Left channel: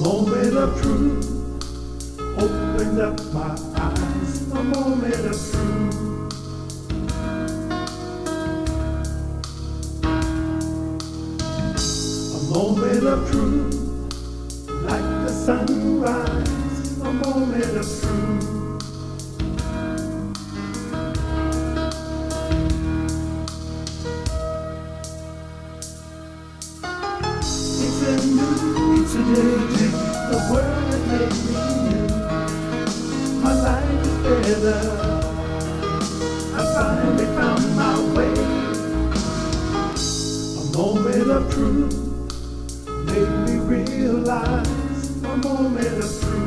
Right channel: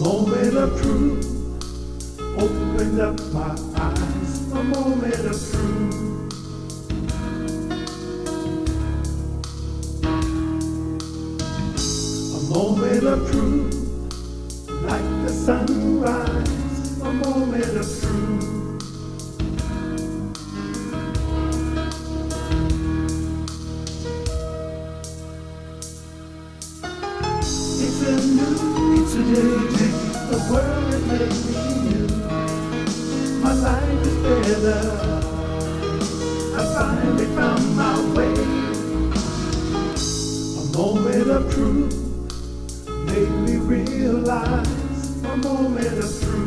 moment of truth opened up my eyes. A moment of truth. A moment of truth, like the sunrise. A moment of truth. It's a new day. The world has made me new. My life is better. I finally found my way. A moment of truth made me realize. A moment of truth.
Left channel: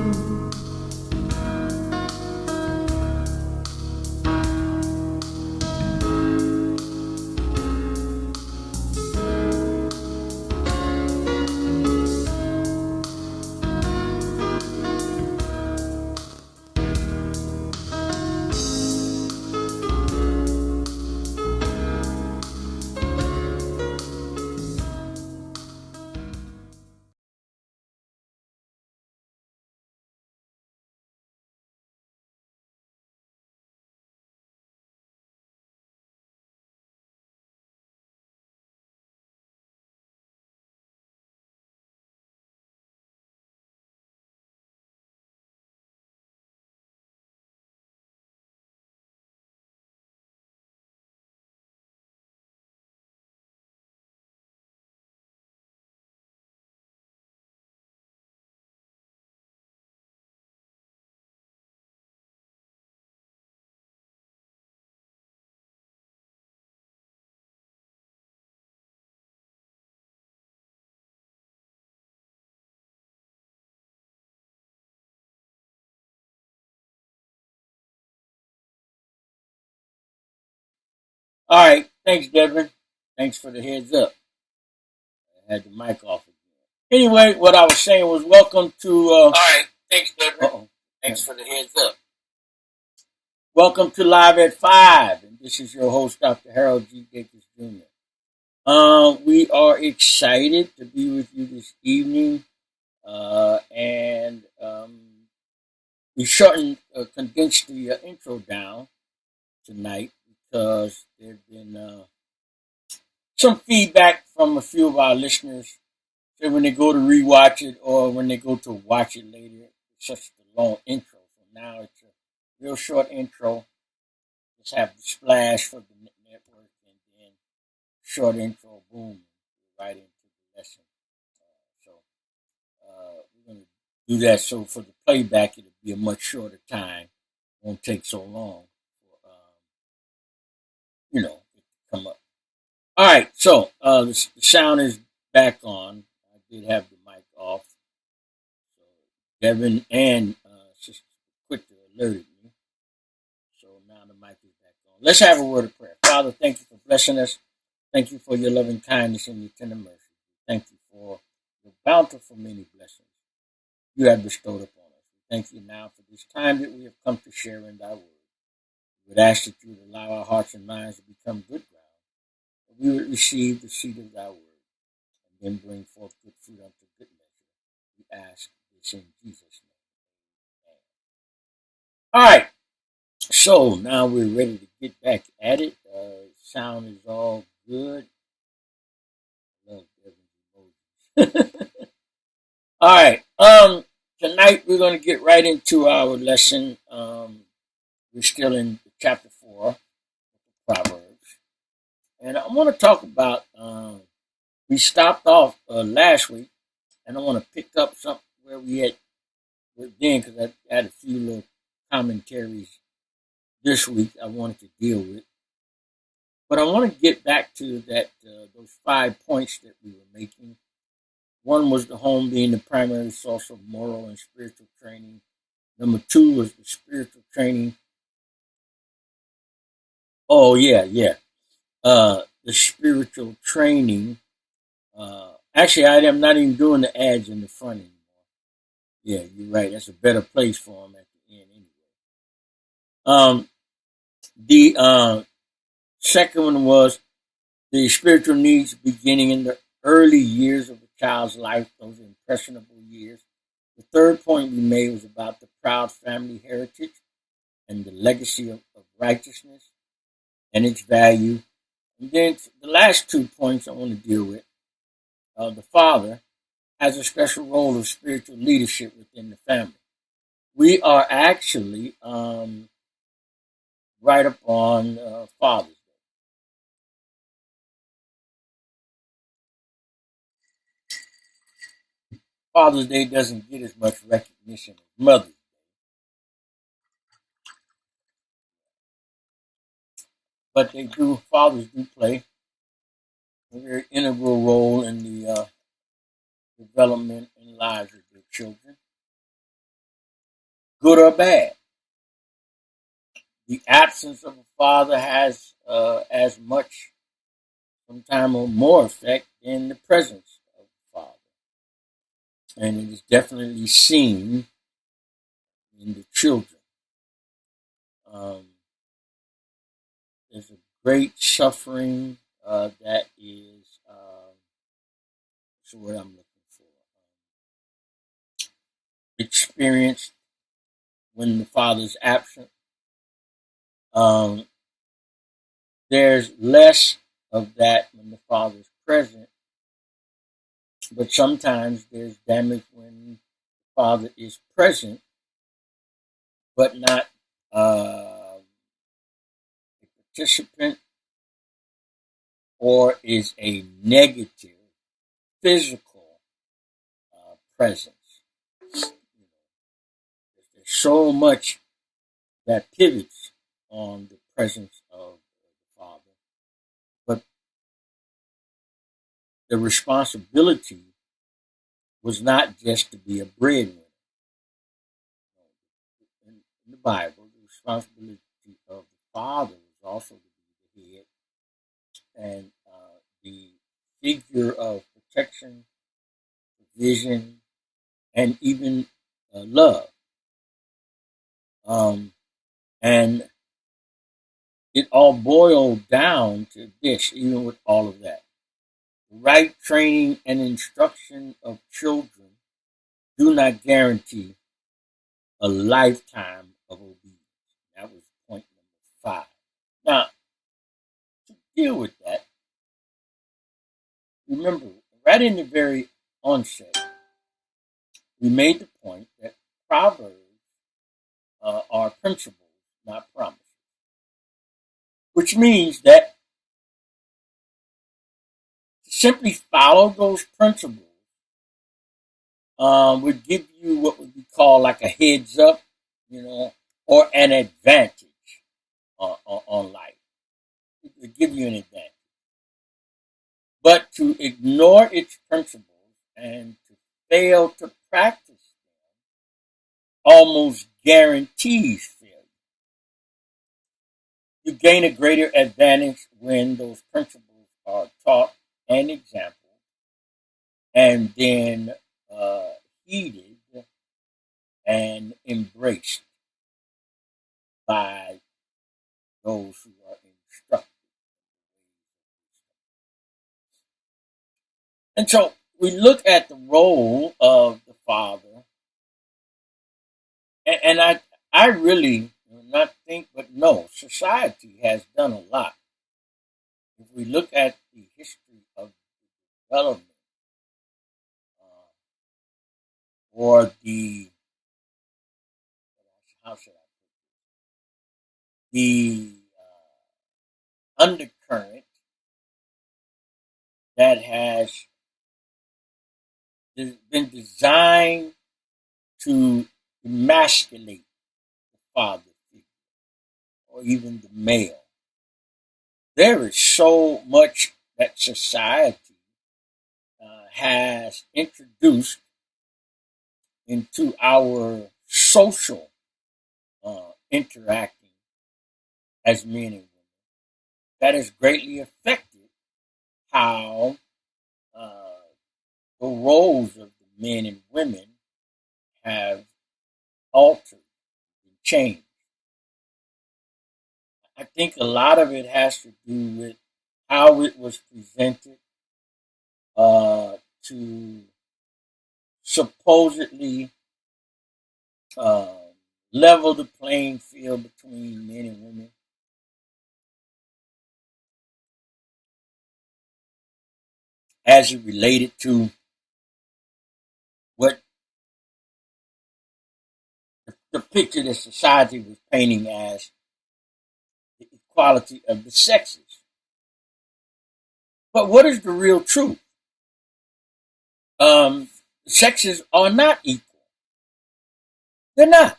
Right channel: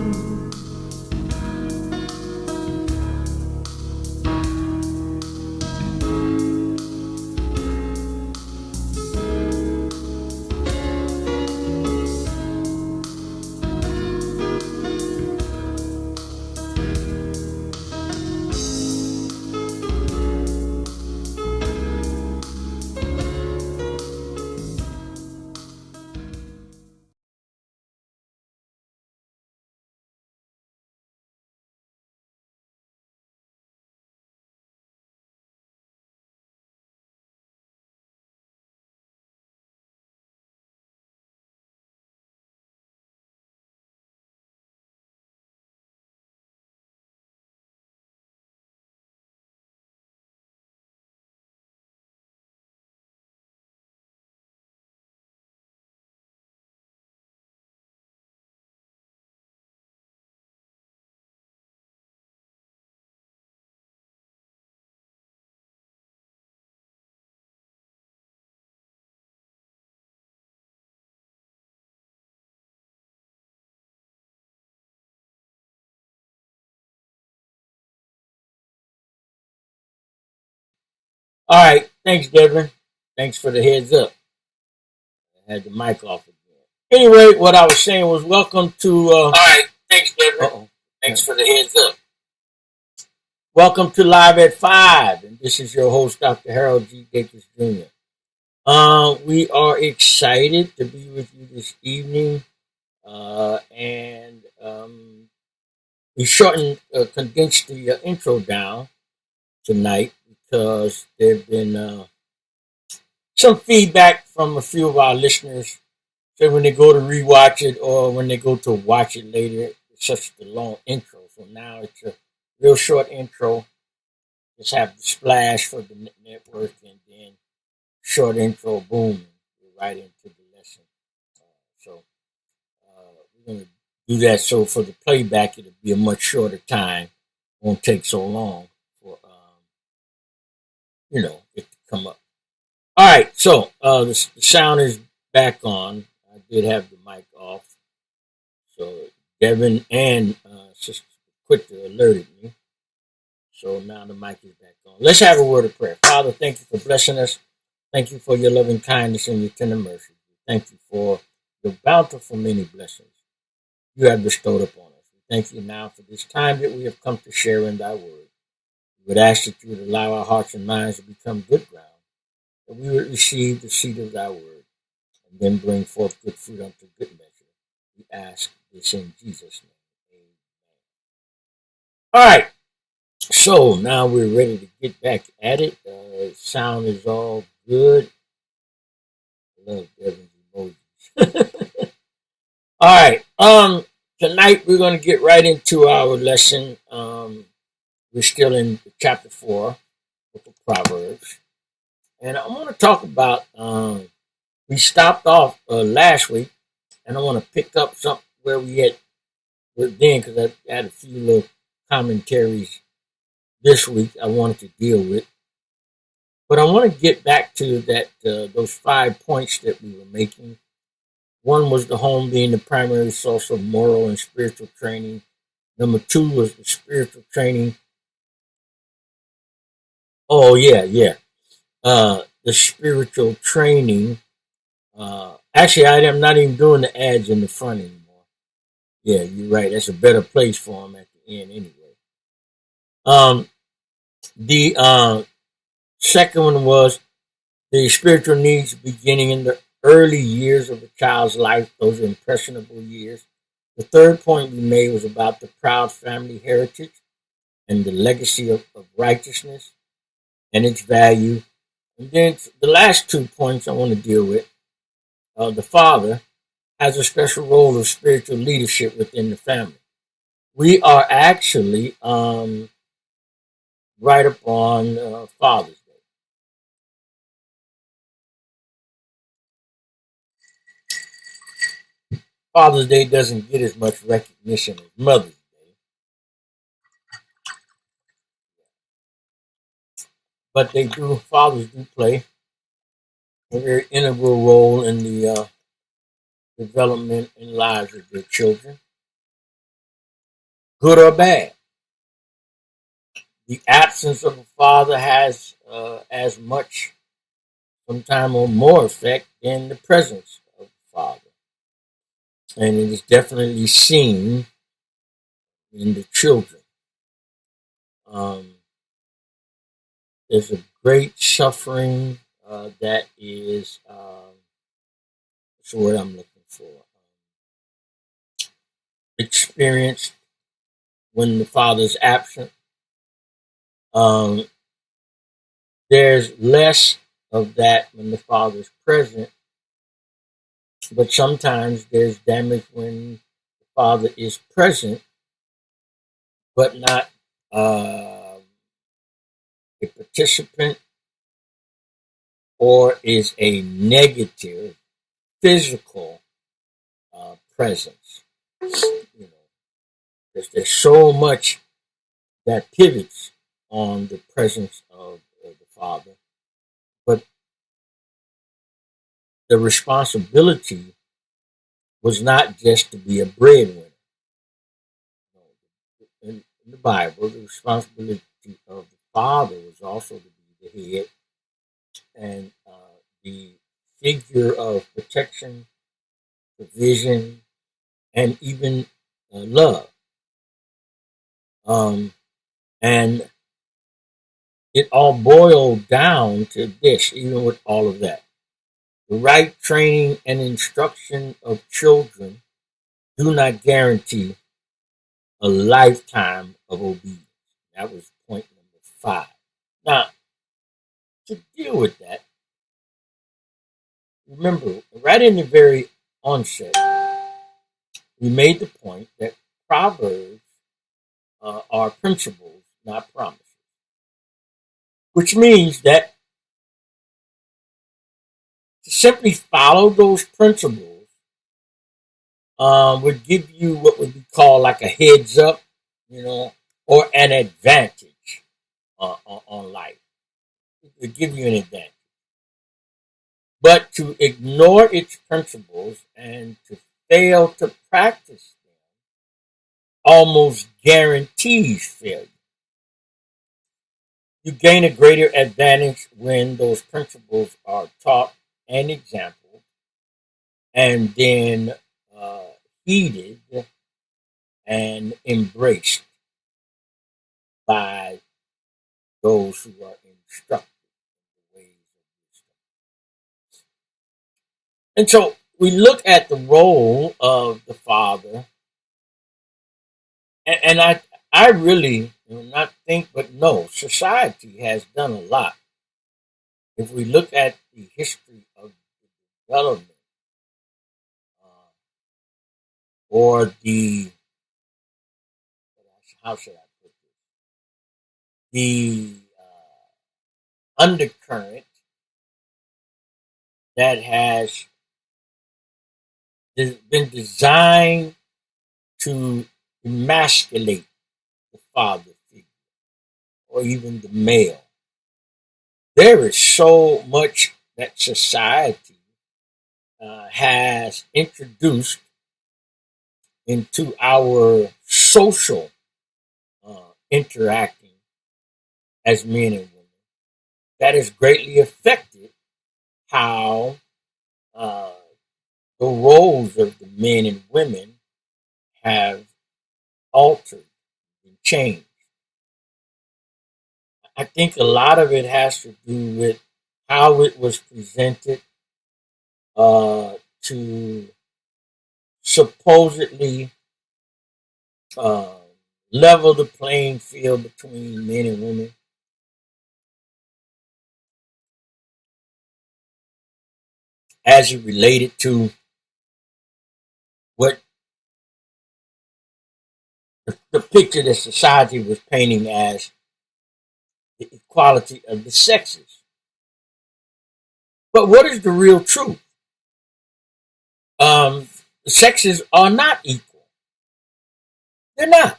All right. Thanks, Devin. Thanks for the heads up. I had the mic off again. Anyway, what I was saying was welcome to. All right. Thanks, Devin. Uh-oh. Thanks for the heads up. Welcome to Live at 5. And this is your host, Dr. Harold G. Dacus Jr. We are excited to be with you this evening. And we condensed the intro down tonight because there have been some feedback from a few of our listeners. So when they go to rewatch it or when they go to watch it later, it's such a long intro. So now it's a real short intro. Just have the splash for the network and then short intro, boom, we're right into the lesson. We're going to do that. So for the playback, it'll be a much shorter time. Won't take so long for it to come up. All right, so the sound is back on. I did have the mic off, so Devin and Sister Quitter alerted me. So now the mic is back on. Let's have a word of prayer. Father, thank you for blessing us. Thank you for your loving kindness and your tender mercy. Thank you for your bountiful many blessings you have bestowed upon us. We thank you now for this time that we have come to share in thy word. We would ask that you would allow our hearts and minds to become good ground, that we would receive the seed of thy word, and then bring forth good fruit unto good measure. We ask this in Jesus' name. Amen. All right. So now we're ready to get back at it. Sound is all good. I love Devin's emojis. All right. Tonight we're going to get right into our lesson. We're still in chapter 4 with the Proverbs. And I want to talk about, we stopped off last week, and I want to pick up something where we had then, because I had a few little commentaries this week I wanted to deal with. But I want to get back to that those 5 points that we were making. One was the home being the primary source of moral and spiritual training. Number 2 was the spiritual training. Oh, yeah. The spiritual training. Actually, I am not even doing the ads in the front anymore. Yeah, you're right. That's a better place for them at the end anyway. The second one was the spiritual needs beginning in the early years of a child's life, those impressionable years. The third point we made was about the proud family heritage and the legacy of righteousness and its value. And then the last 2 points I want to deal with, the father has a special role of spiritual leadership within the family. We are actually right upon Father's Day. Father's Day doesn't get as much recognition as Mother's Day, but they do. Fathers do play a very integral role in the development and lives of their children, good or bad. The absence of a father has as much, sometimes or more effect than the presence of the father. And it is definitely seen in the children. Um, there's a great suffering that is, what's the word I'm looking for, experienced when the father's absent. Um, there's less of that when the father's present, but sometimes there's damage when the father is present, but not a participant or is a negative physical presence. You know, there's so much that pivots on the presence of the father, but the responsibility was not just to be a breadwinner. In the Bible, the responsibility of the father was also to be the head and the figure of protection, provision, and even love. And it all boiled down to this, even with all of that. The right training and instruction of children do not guarantee a lifetime of obedience. That was point number 5. Now, to deal with that, remember, right in the very onset, we made the point that Proverbs are principles, not promises, which means that to simply follow those principles would give you what would be called like a heads up, or an advantage on life. It would give you an advantage. But to ignore its principles and to fail to practice them almost guarantees failure. You gain a greater advantage when those principles are taught and exampled and then heeded and embraced by those who are instructed in the ways of wisdom. And so we look at the role of the father, and I really not think but know society has done a lot. If we look at the history of the development or the, how should I put this, the undercurrent that has been designed to emasculate the father figure or even the male. There is so much that society has introduced into our social interacting as men and women that has greatly affected how the roles of the men and women have altered and changed. I think a lot of it has to do with how it was presented to supposedly uh, level the playing field between men and women. As it related to what the picture that society was painting as the equality of the sexes. But what is the real truth? The sexes are not equal. They're not.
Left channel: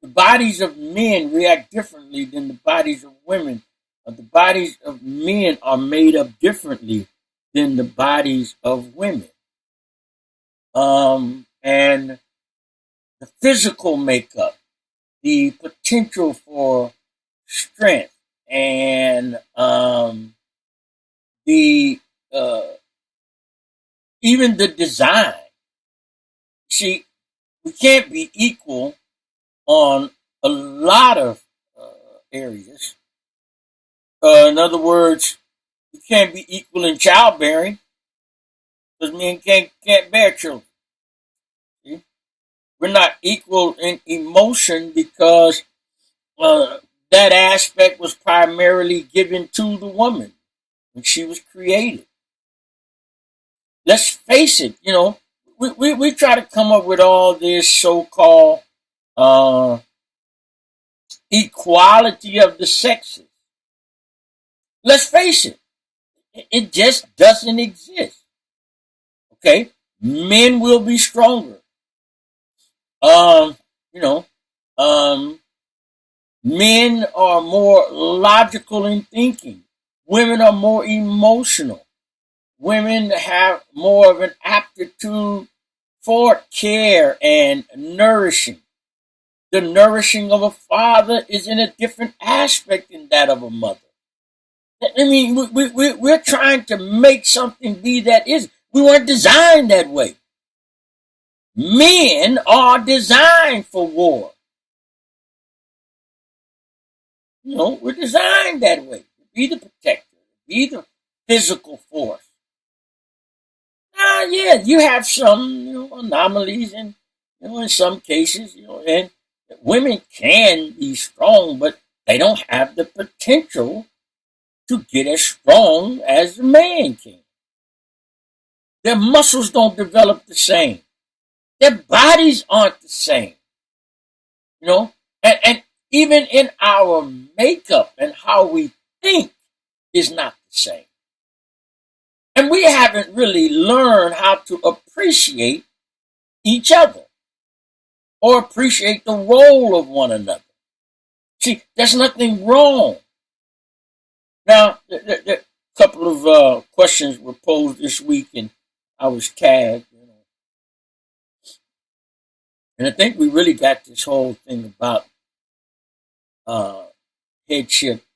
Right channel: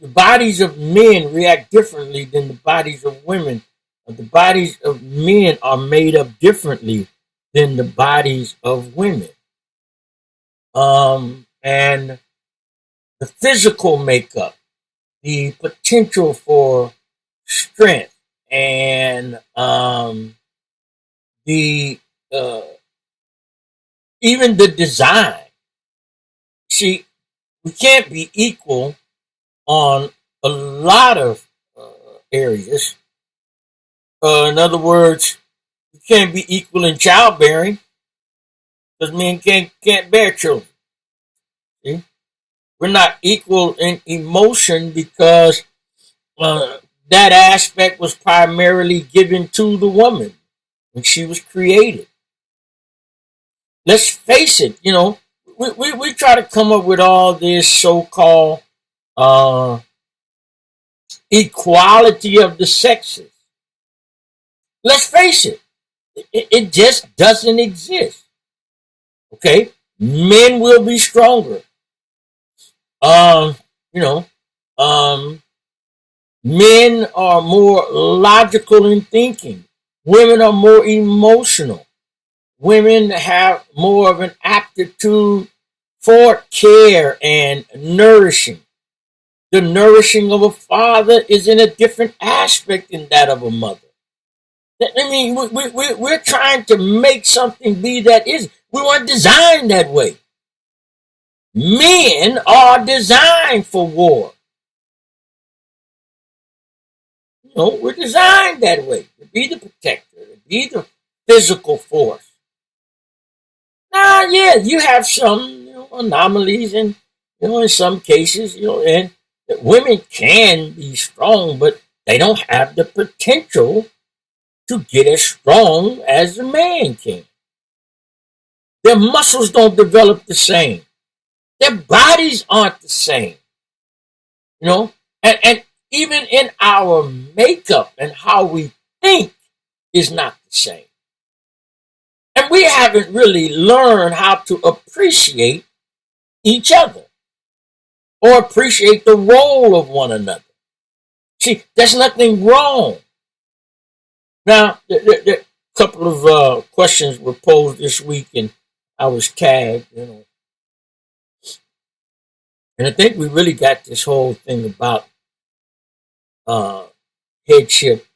The bodies of men react differently than the bodies of women. The bodies of men are made up differently than the bodies of women. And the physical makeup, the potential for strength, and the even the design. See, we can't be equal on a lot of areas. In other words, we can't be equal in childbearing because men can't bear children. See? We're not equal in emotion because that aspect was primarily given to the woman when she was created. Let's face it, we try to come up with all this so-called uh, equality of the sexes. Let's face it, it just doesn't exist. Okay, men will be stronger. Um, you know, um, Men are more logical in thinking. Women are more emotional. Women have more of an aptitude for care and nourishing. The nourishing of a father is in a different aspect than that of a mother. I mean, we're trying to make something be that is. We weren't designed that way. Men are designed for war. We're designed that way to be the protector, to be the physical force. Now, yeah, you have some anomalies, and in some cases, and women can be strong, but they don't have the potential to get as strong as a man can. Their muscles don't develop the same. Their bodies aren't the same. And even in our makeup and how we think is not the same. And we haven't really learned how to appreciate each other or appreciate the role of one another. See, there's nothing wrong. Now, a couple of questions were posed this week, and I was tagged, And I think we really got this whole thing about headship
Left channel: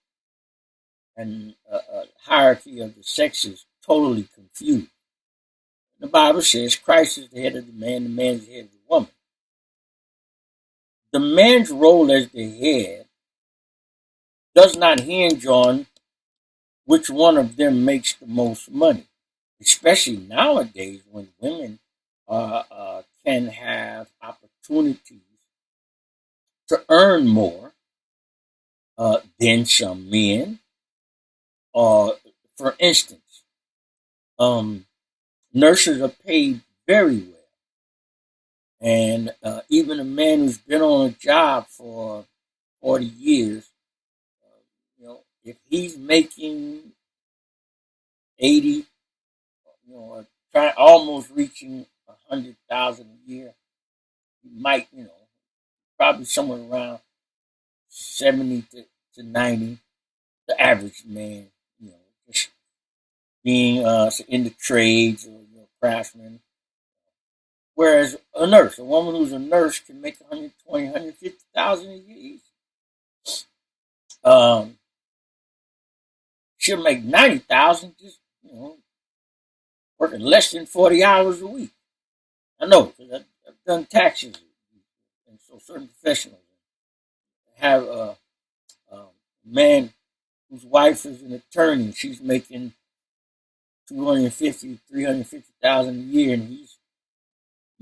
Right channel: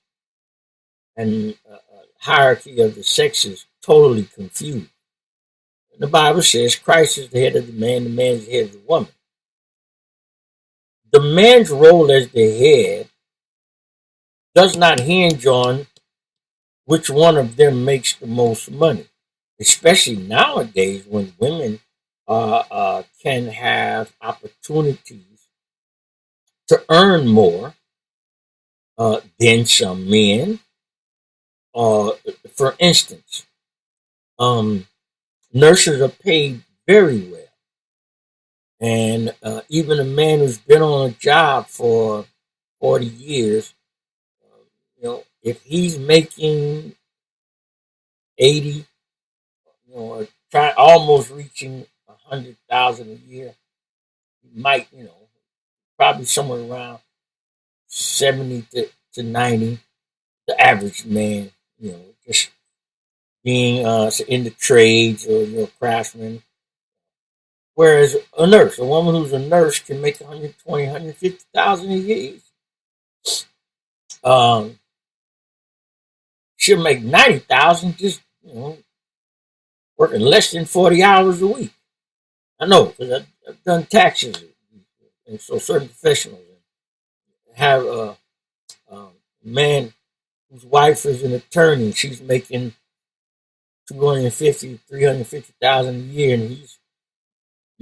and hierarchy of the sexes totally confused. The Bible says Christ is the head of the man is the head of the woman. The man's role as the head does not hinge on which one of them makes the most money, especially nowadays when women can have opportunities to earn more than some men. For instance, nurses are paid very well. And even a man who's been on a job for 40 years, if he's making 80, or almost reaching 100,000 a year, he might, probably somewhere around 70 to 90, the average man, just being in the trades or craftsman. Whereas a nurse, a woman who's a nurse, can make 120, 150,000 a year. She'll make 90,000 just working less than 40 hours a week. I know because I've done taxes, and so certain professionals have a man whose wife is an attorney. She's making 250, 350,000 a year, and he's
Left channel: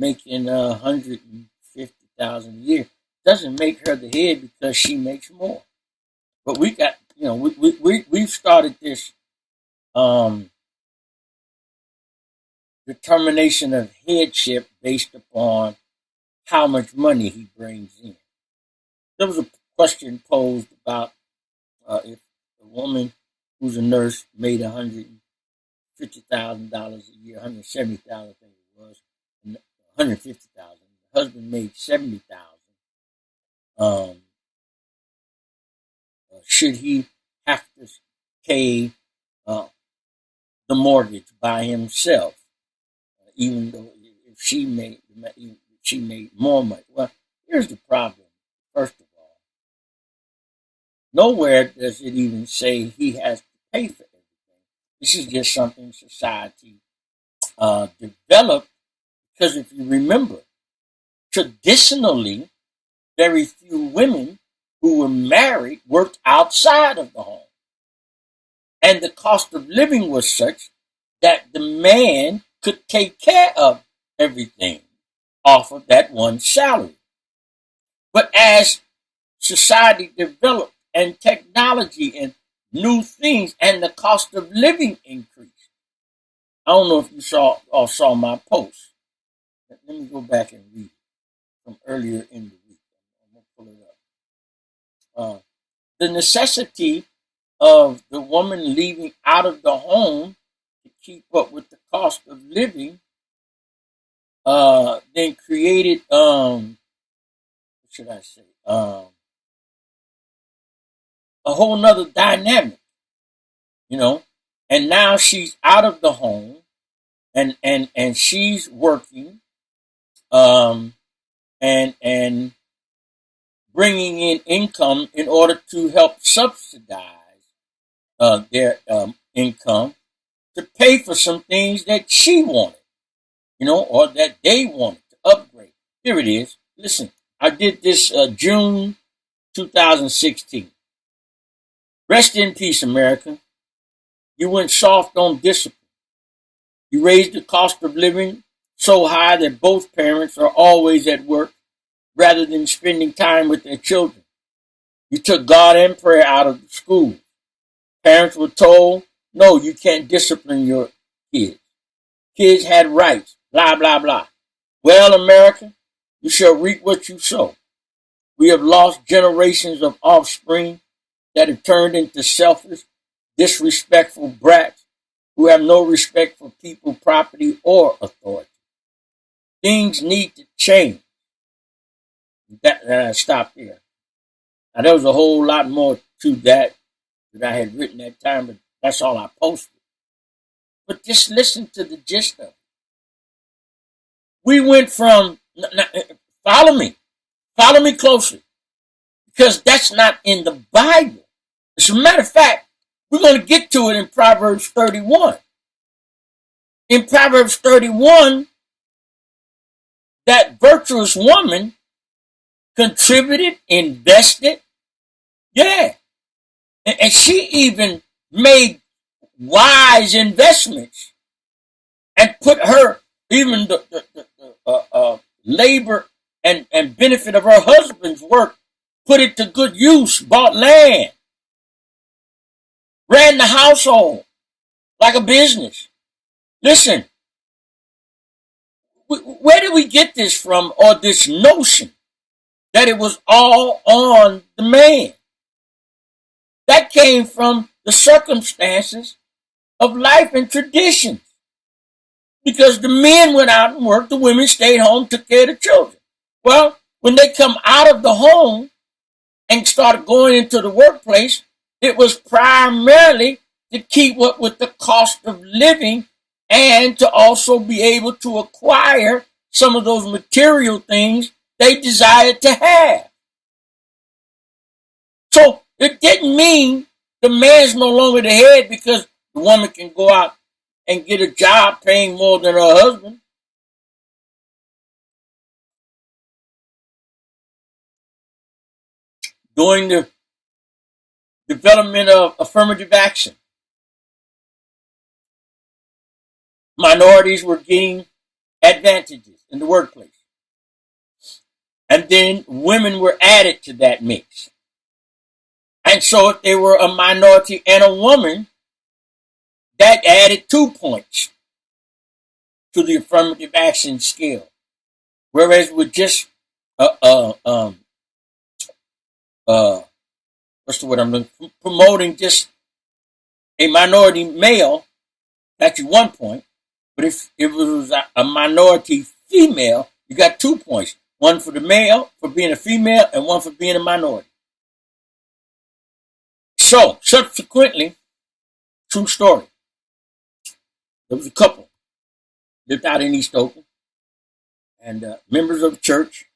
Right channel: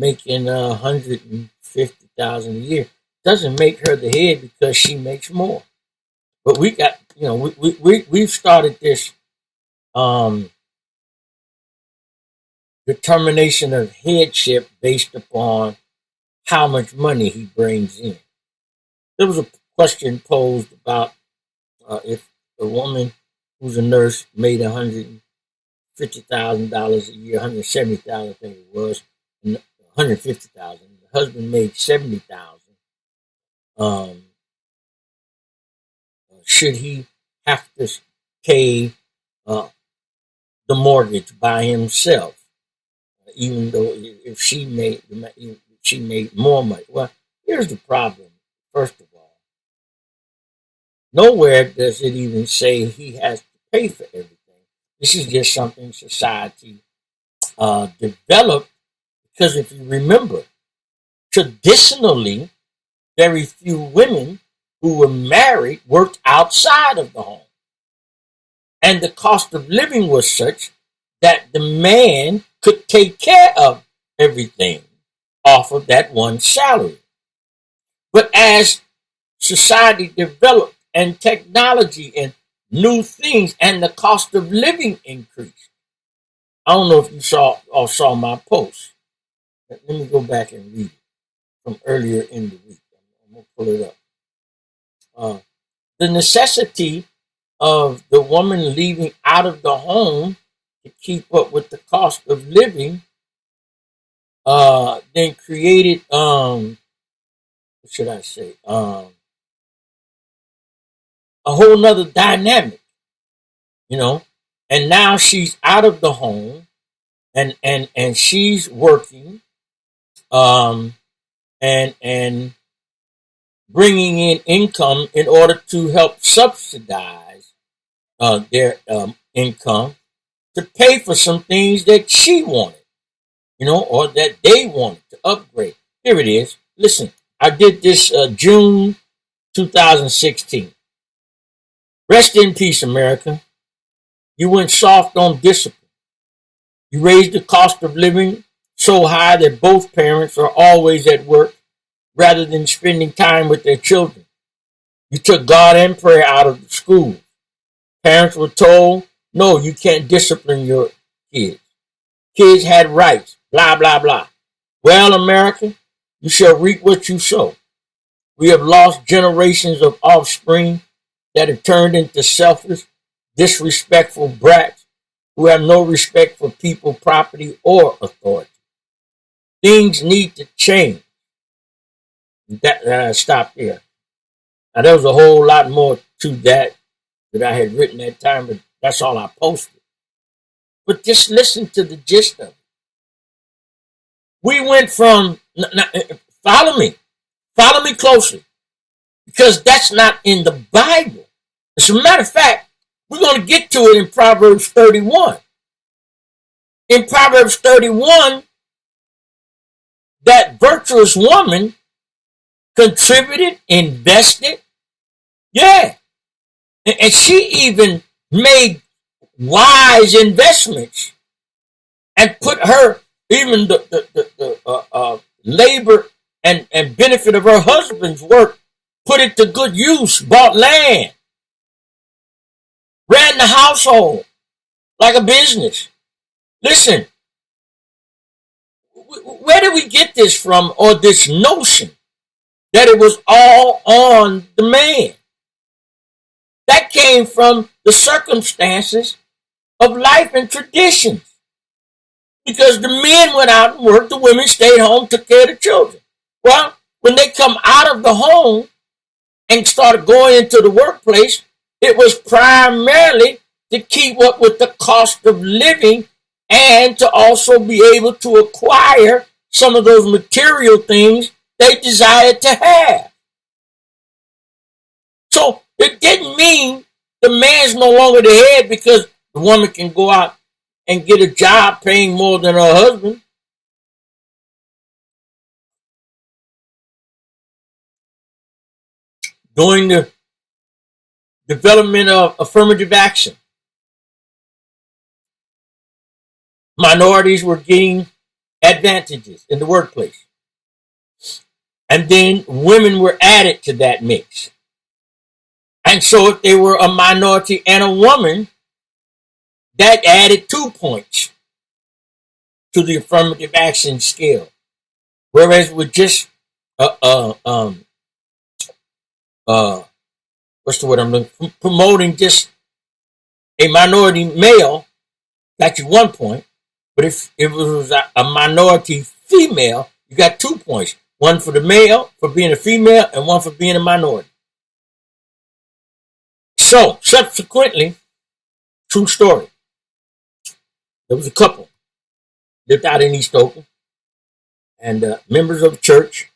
making 150,000 a year doesn't make her the head because she makes more. But we got, we've started this um, determination of headship based upon how much money he brings in. There was a question posed about if a woman who's a nurse made $150,000 a year, 170,000, I think it was, 150,000. The husband made 70,000. Should he have to pay the mortgage by himself, even though if she made more money? Well, here's the problem. First of all, nowhere does it even say he has to pay for everything. This is just something society developed because if you remember, traditionally, very few women who were married worked outside of the home. And the cost of living was such that the man could take care of everything off of that one salary. But as society developed and technology and new things and the cost of living increased, I don't know if you saw my post. Let me go back and read it from earlier in the week. I'm going to pull it up. The necessity of the woman leaving out of the home to keep up with the cost of living then created what should I say a whole nother dynamic, and now she's out of the home and she's working and bringing in income in order to help subsidize their income to pay for some things that she wanted, or that they wanted to upgrade. Here it is. Listen, I did this June 2016. Rest in peace, America. You went soft on discipline. You raised the cost of living so high that both parents are always at work rather than spending time with their children. You took God and prayer out of the school. Parents were told, no, you can't discipline your kids. Kids had rights, blah, blah, blah. Well, America, you shall reap what you sow. We have lost generations of offspring that have turned into selfish, disrespectful brats who have no respect for people, property, or authority. Things need to change. That I stopped there. Now, there was a whole lot more to that I had written that time, but that's all I posted. But just listen to the gist of it. We went from, follow me closely, because that's not in the Bible. As a matter of fact, we're going to get to it in Proverbs 31. In Proverbs 31, that virtuous woman contributed, invested, yeah. And she even made wise investments and put her, even the labor and benefit of her husband's work, put it to good use, bought land, ran the household like a business. Listen, where did we get this from, or this notion that it was all on the man? That came from the circumstances of life and traditions. Because the men went out and worked, the women stayed home, took care of the children. Well, when they come out of the home and started going into the workplace, it was primarily to keep up with the cost of living and to also be able to acquire some of those material things they desired to have. So it didn't mean the man's no longer the head because the woman can go out and get a job paying more than her husband. During the development of affirmative action, minorities were getting advantages in the workplace. And then women were added to that mix. And so if they were a minority and a woman, that added 2 points to the affirmative action scale. Whereas with just what's the word I'm looking for? Promoting just a minority male, got you 1 point. But if it was a minority female, you got 2 points. One for the male for being a female and one for being a minority. So subsequently, true story. There was a couple lived out in East Oakland, and members of the church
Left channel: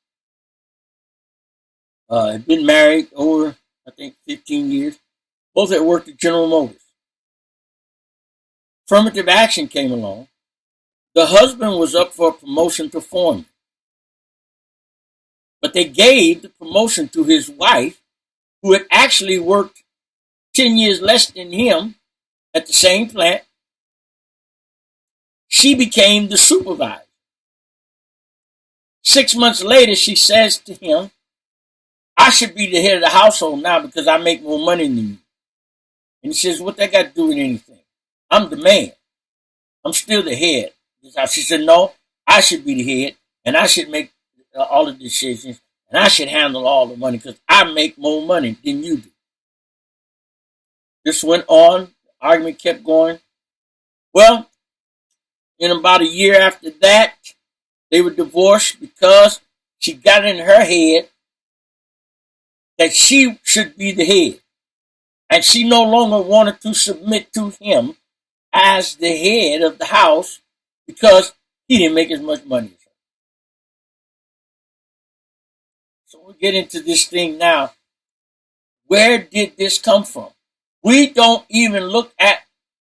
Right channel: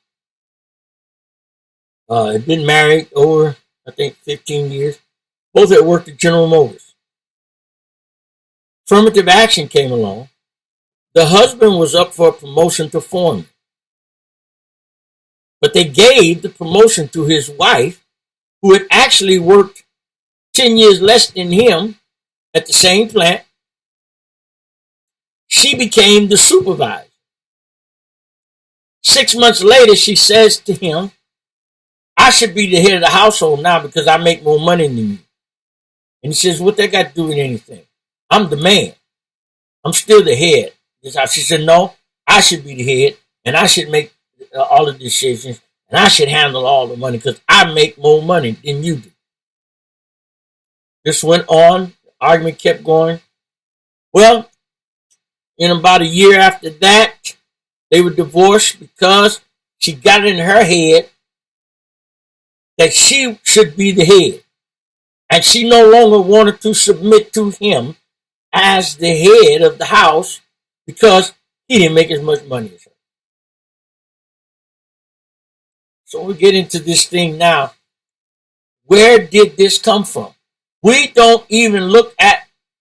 had been married over, I think, 15 years. Both had worked at General Motors. Affirmative action came along. The husband was up for a promotion to foreman, but they gave the promotion to his wife, who had actually worked 10 years less than him at the same plant. She became the supervisor. 6 months later, she says to him, I should be the head of the household now because I make more money than you. And he says, what that got to do with anything? I'm the man. I'm still the head. She said, no, I should be the head and I should make all the decisions and I should handle all the money because I make more money than you do. This went on. The argument kept going. Well, in about a year after that, they were divorced because she got in her head that she should be the head. And she no longer wanted to submit to him as the head of the house because he didn't make as much money as her. So we get into this thing now. Where did this come from? We don't even look at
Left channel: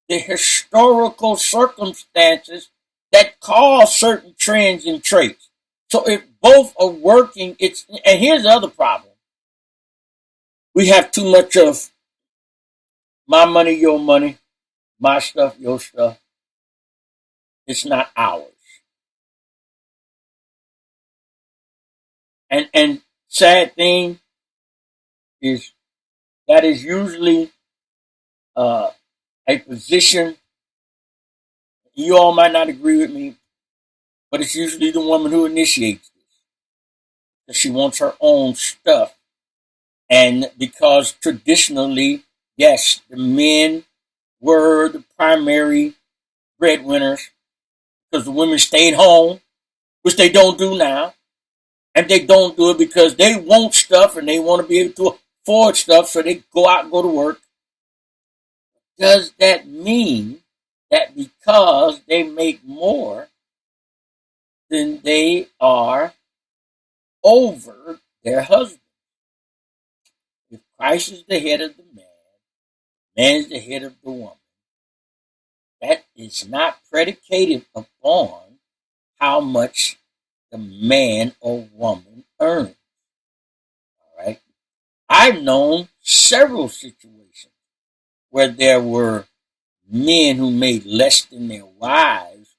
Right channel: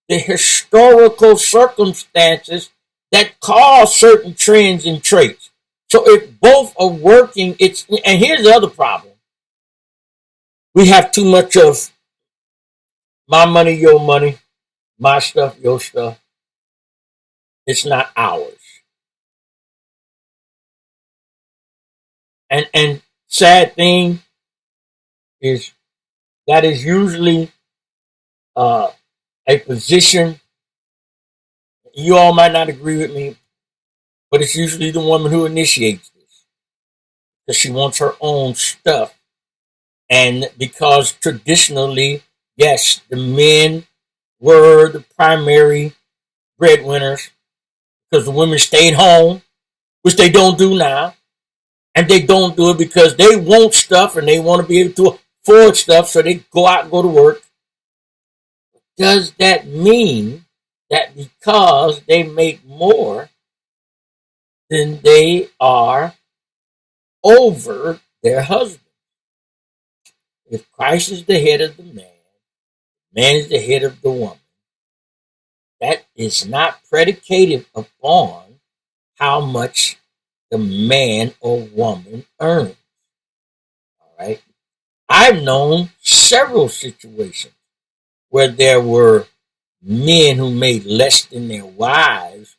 the historical circumstances that cause certain trends and traits. So if both are working, and here's the other problem. We have too much of my money, your money, my stuff, your stuff. It's not ours. And sad thing is that is usually a position. You all might not agree with me, but it's usually the woman who initiates this because she wants her own stuff. And because traditionally, yes, the men were the primary breadwinners because the women stayed home, which they don't do now. And they don't do it because they want stuff and they want to be able to afford stuff, so they go out and go to work. Does that mean that because they make more, then they are over their husband? If Christ is the head of the man is the head of the woman, that is not predicated upon how much the man or woman earns. All right. I've known several situations where there were men who made less than their wives,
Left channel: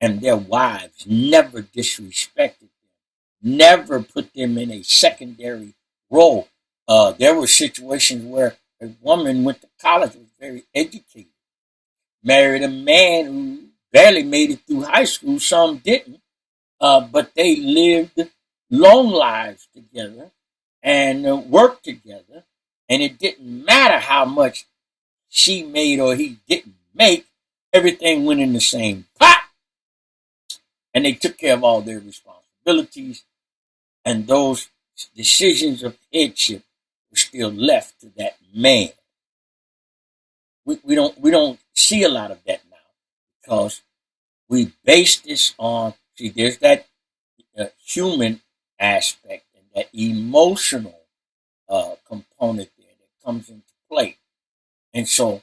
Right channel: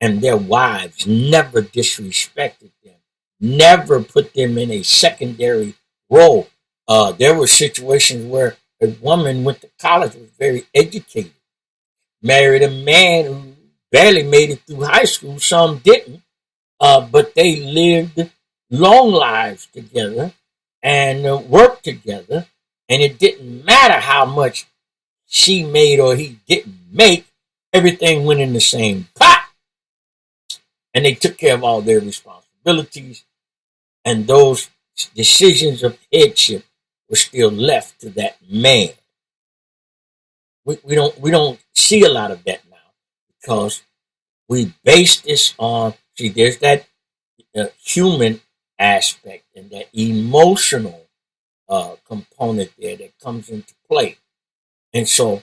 and their wives never disrespected them, never put them in a secondary role. There were situations where a woman went to college, was very educated, married a man who barely made it through high school, some didn't, but they lived long lives together and worked together, and it didn't matter how much she made or he didn't make, everything went in the same pot, and they took care of all their responsibilities, and those decisions of headship were still left to that man. We don't see a lot of that now because we base this on, see, there's that human aspect and that emotional component there that comes into play. And so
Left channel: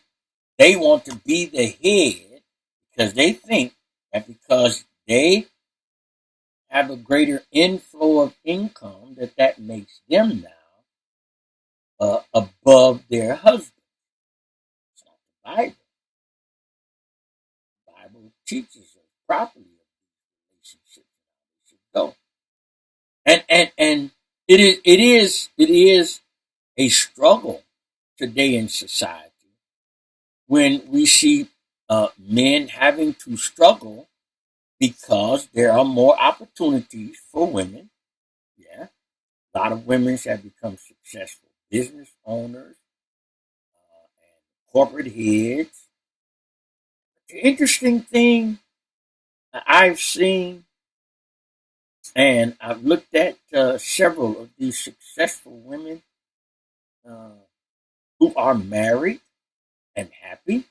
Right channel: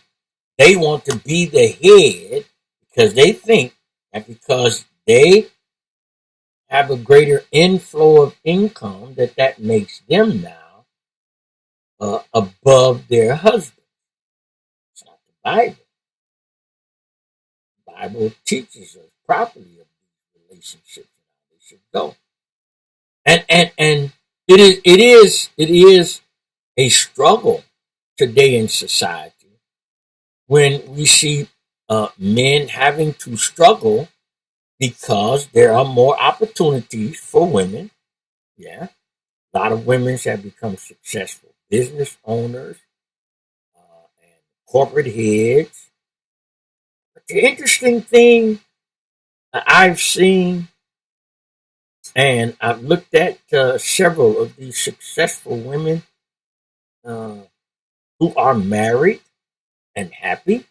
they want to be the head because they think that because they have a greater inflow of income that makes them now above their husband. It's not the Bible. The Bible teaches us properly of these relationships and how they should go. And it is a struggle today in society when we see men having to struggle because there are more opportunities for women. Yeah, a lot of women have become successful business owners and corporate heads. But the interesting thing I've seen, and I've looked at several of these successful women uh, who are married and happy,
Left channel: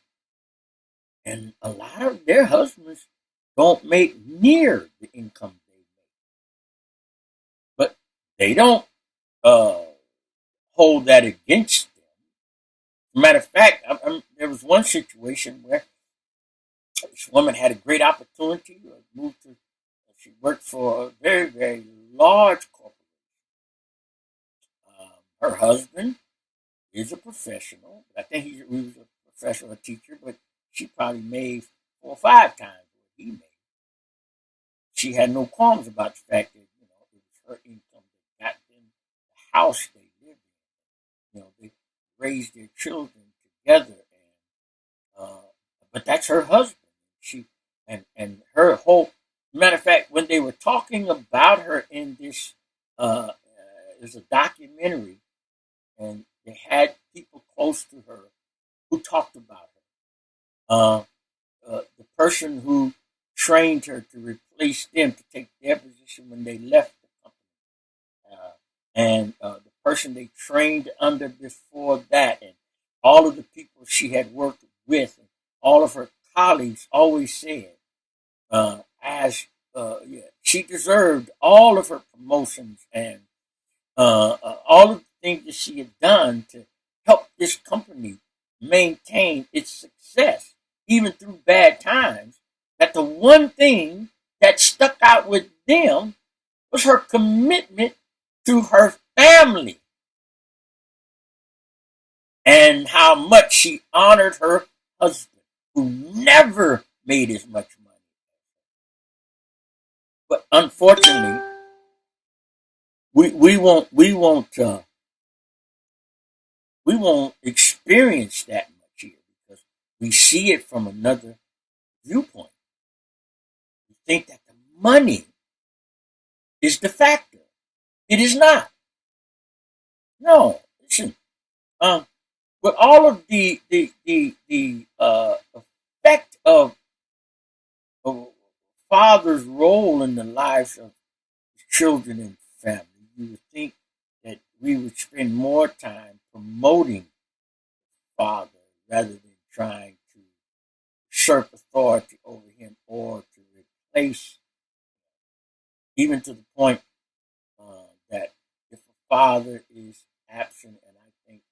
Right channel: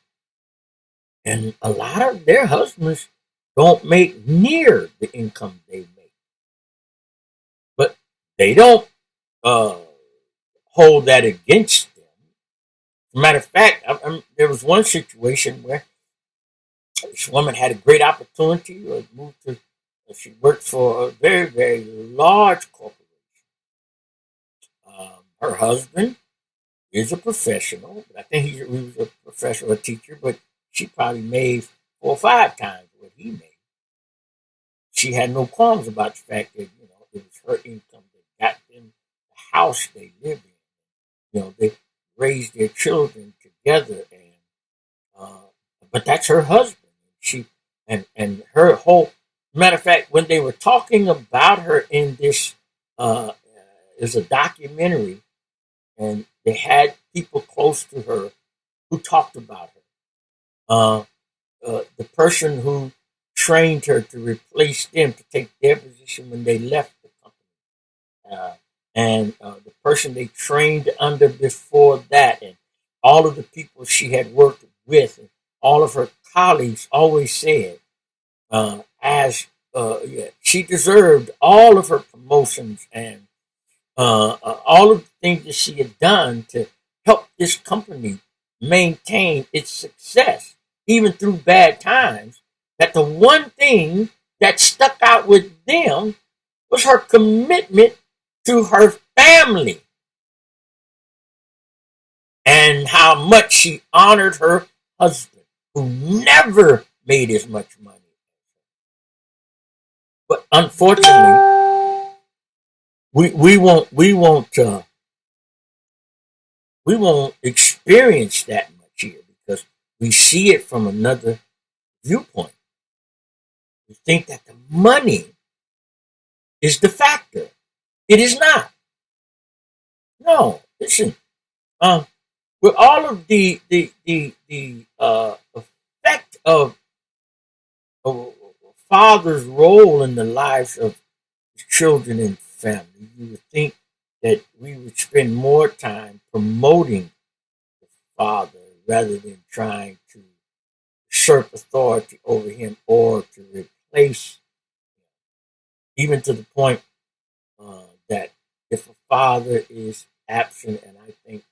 and a lot of their husbands don't make near the income they make. But they don't uh, hold that against them. As a matter of fact, there was one situation where this woman had a great opportunity, moved to, she worked for a very, very large corporation. Her husband is a professional. I think he was a professional teacher, but she probably made 4 or 5 times what he made. She had no qualms about the fact that it was her income that got them the house they live in. They raised their children together, and but that's her husband. She and her whole matter of fact, when they were talking about her in this, is a documentary, and they had people close to her who talked about her. The person who trained her to replace them to take their position when they left the company, and the person they trained under before that, and all of the people she had worked with, and all of her colleagues always said, as yeah, she deserved all of her promotions and all of the things that she had done to help this company maintain its success, even through bad times. That the one thing that stuck out with them was her commitment to her family and how much she honored her husband, who never made as much money. But unfortunately, we won't experience that much here because we see it from another viewpoint. We think that the money is the factor. It is not. No, listen. Um, with all of the effect of a father's role in the lives of children and family, you would think that we would spend more time promoting the father rather than trying to usurp authority over him or to replace, even to the point that if a father is absent, and I think,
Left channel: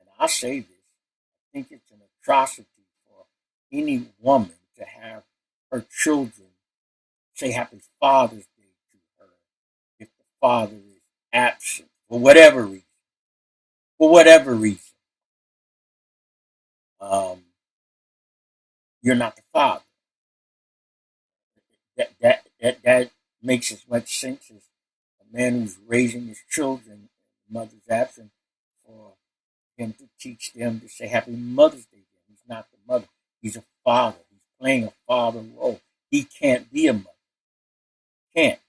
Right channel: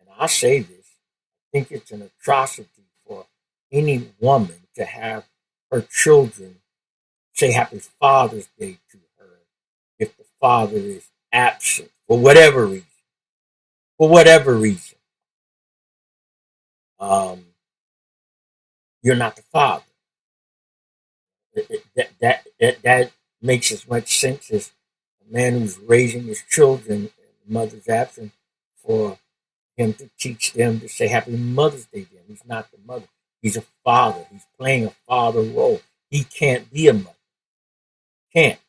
and I say this, I think it's an atrocity for any woman to have her children say Happy Father's Day to her if the father is absent for whatever reason. For whatever reason, um, you're not the father. That makes as much sense as a man who's raising his children and the mother's absent for him to teach them to say Happy Mother's Day to them. He's not the mother. He's a father. He's playing a father role. He can't be a mother. Can't.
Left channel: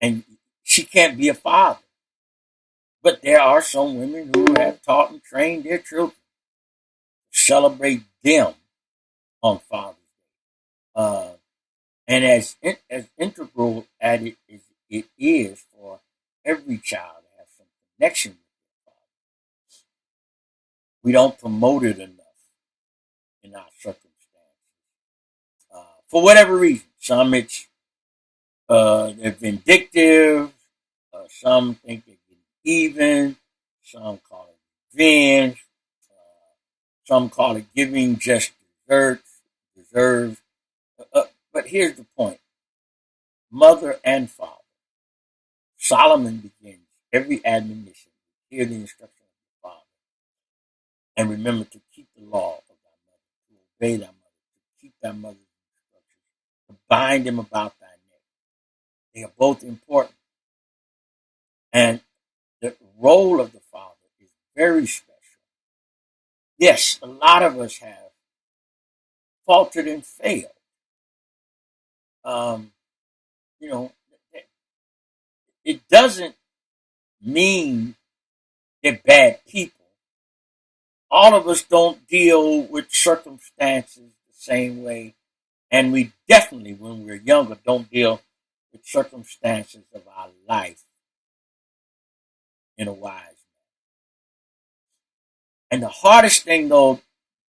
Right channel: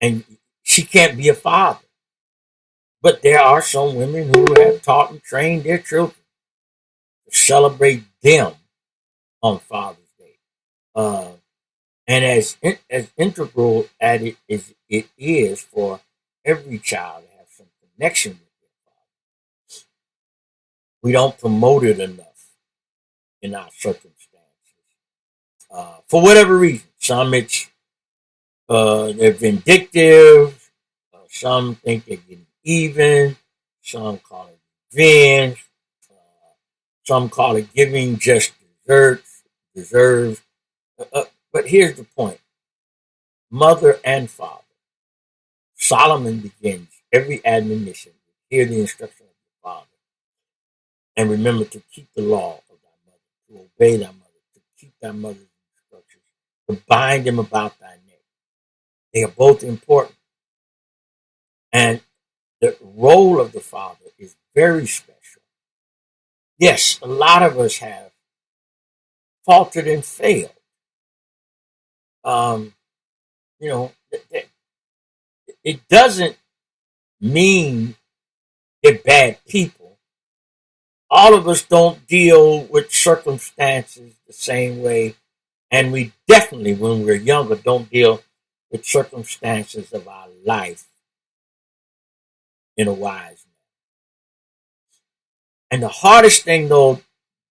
And she can't be a father. But there are some women who have taught and trained their children to celebrate them on Father's Day. Uh, and as integral as it is for every child to have some connection with their father, we don't promote it enough in our circumstances. For whatever reason, some it's they're vindictive, some think they're getting even, some call it revenge, some call it giving just deserves. But here's the point: mother and father. Solomon begins every admonition. Hear the instruction of your father, and remember to keep the law of thy mother, to obey thy mother, to keep thy mother's instructions, to bind them about thy neck. They are both important. And the role of the father is very special. Yes, a lot of us have faltered and failed. Um, you know, it doesn't mean they're bad people. All of us don't deal with circumstances the same way. And we definitely, when we're younger, don't deal with circumstances of our life in a wise manner. And the hardest thing, though,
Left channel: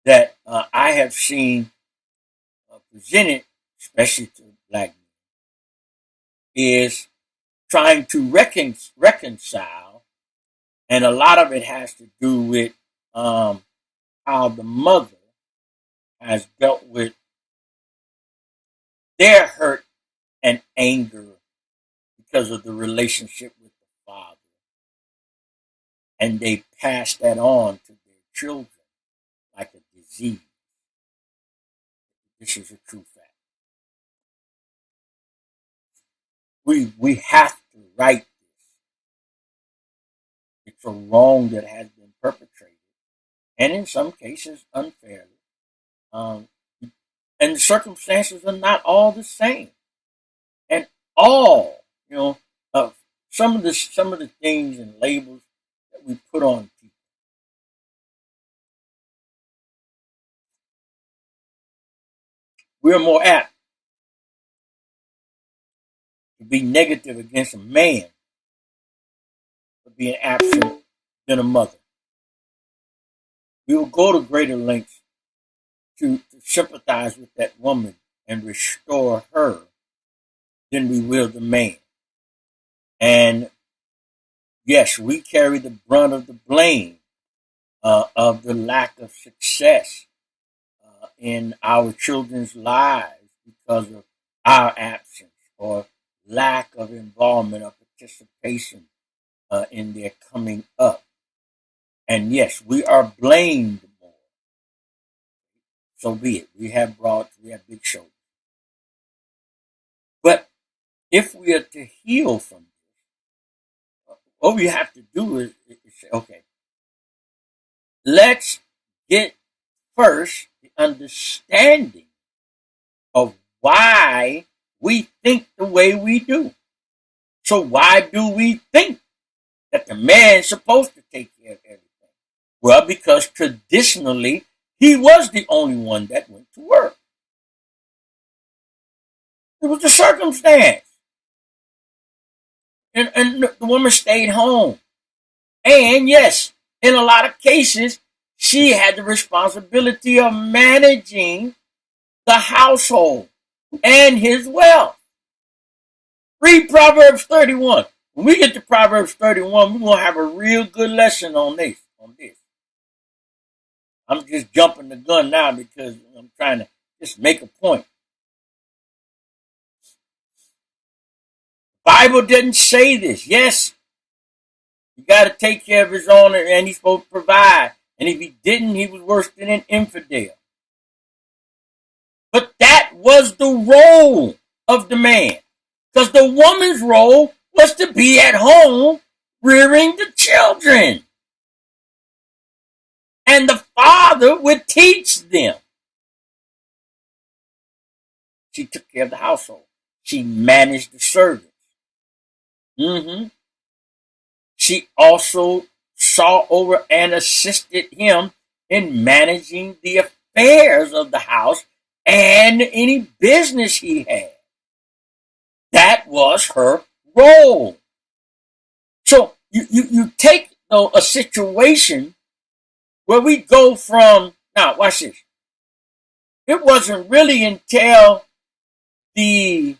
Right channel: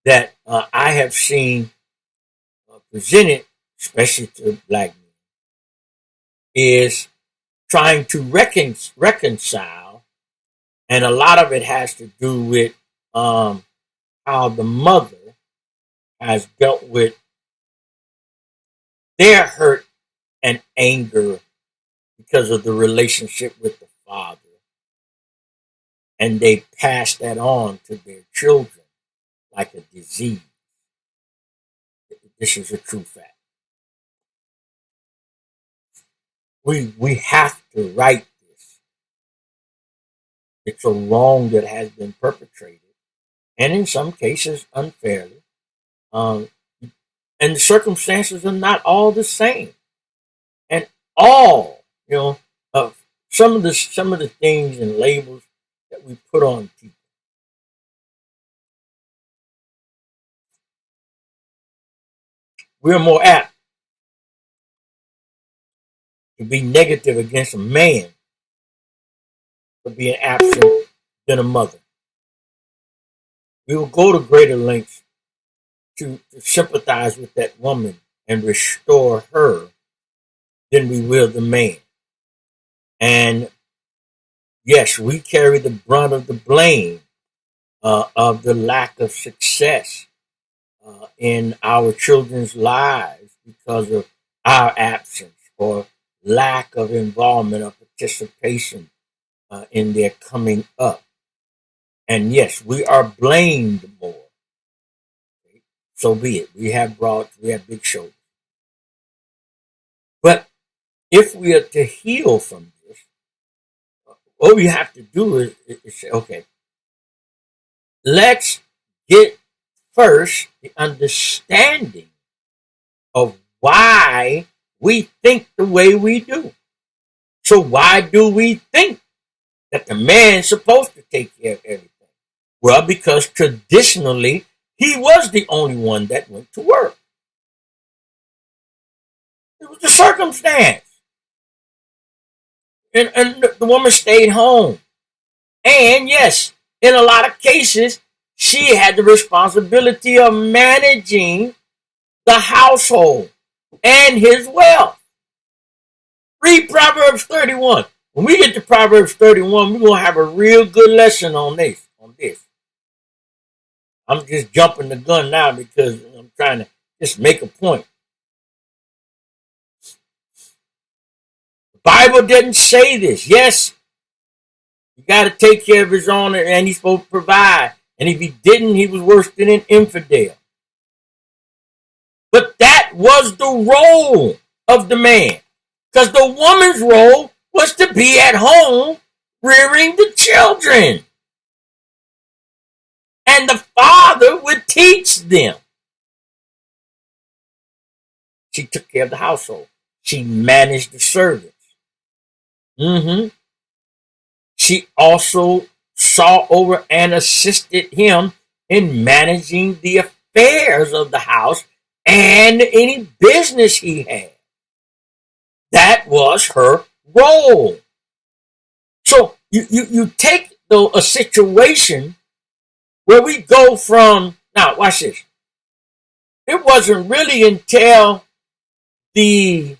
that I have seen presented, especially to black men, is trying to reconcile, and a lot of it has to do with how the mother has dealt with their hurt and anger because of the relationship with the father. And they pass that on to their children like a disease. This is a true fact. We have to right this. It's a wrong that has been perpetrated, and in some cases unfairly. And the circumstances are not all the same. And all, some of the things and labels that we put on people. We're more apt to be negative against a man for being absent than a mother. We will go to greater lengths to sympathize with that woman and restore her than we will the man. And yes, we carry the brunt of the blame of the lack of success in our children's lives because of our absence or lack of involvement or participation in their coming up. And yes, we are blamed more. So be it. We have big shoulders. But if we are to heal from this, what we have to do is say, okay, let's get first the understanding of why we think the way we do. So why do we think that the man's supposed to take care of everything? Well, because traditionally, he was the only one that went to work. It was the circumstance. And the woman stayed home. And yes, in a lot of cases, she had the responsibility of managing the household and his wealth. Read Proverbs 31. When we get to Proverbs 31, we're going to have a real good lesson on this. I'm just jumping the gun now because I'm trying to just make a point. The Bible doesn't say this. Yes, you got to take care of his own, and he's supposed to provide. And if he didn't, he was worse than an infidel. But that was the role of the man. Because the woman's role was to be at home rearing the children. And the father would teach them. She took care of the household. She managed the servants. She also saw over and assisted him in managing the affairs of the house and any business he had. That was her role. So you take a situation where we go from, now watch this. It wasn't really until the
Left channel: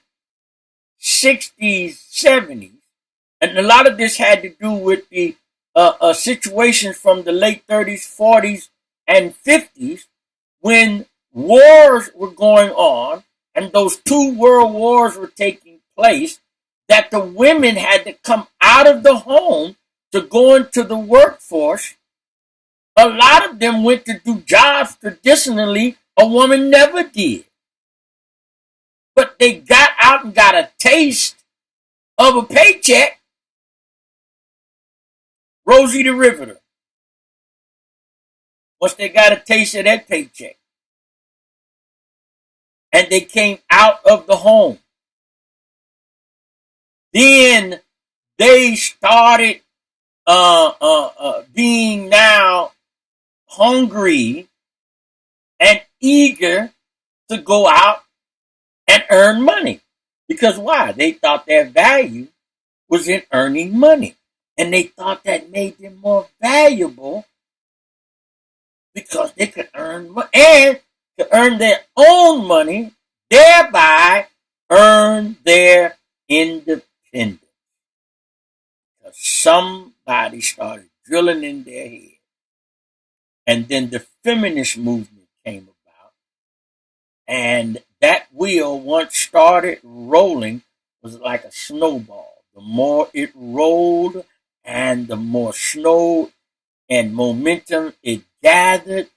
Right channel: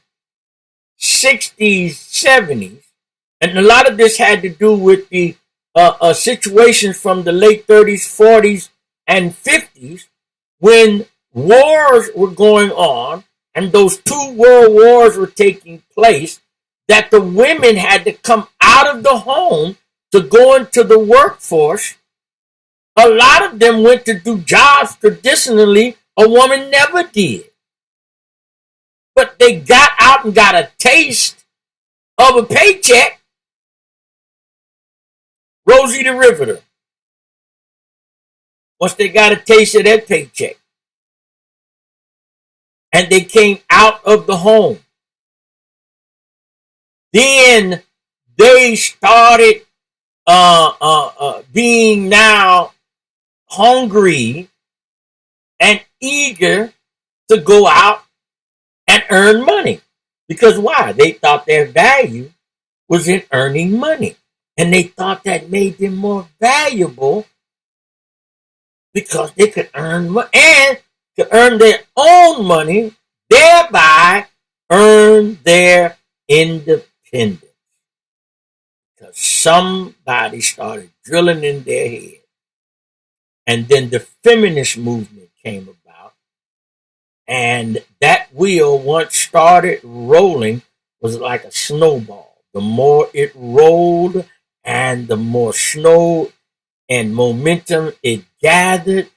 60s, 70s, and a lot of this had to do with the situations from the late 30s, 40s, and 50s when wars were going on and those 2 world wars were taking place, that the women had to come out of the home to go into the workforce. A lot of them went to do jobs traditionally a woman never did. But they got out and got a taste of a paycheck, Rosie the Riveter, once they got a taste of that paycheck, and they came out of the home, then they started being now hungry and eager to go out and earn money. Because why? They thought their value was in earning money. And they thought that made them more valuable because they could earn money and to earn their own money, thereby earn their independence. Because somebody started drilling in their head. And then the feminist movement came about. And that wheel, once started rolling, was like a snowball. The more it rolled and the more snow and momentum it gathered,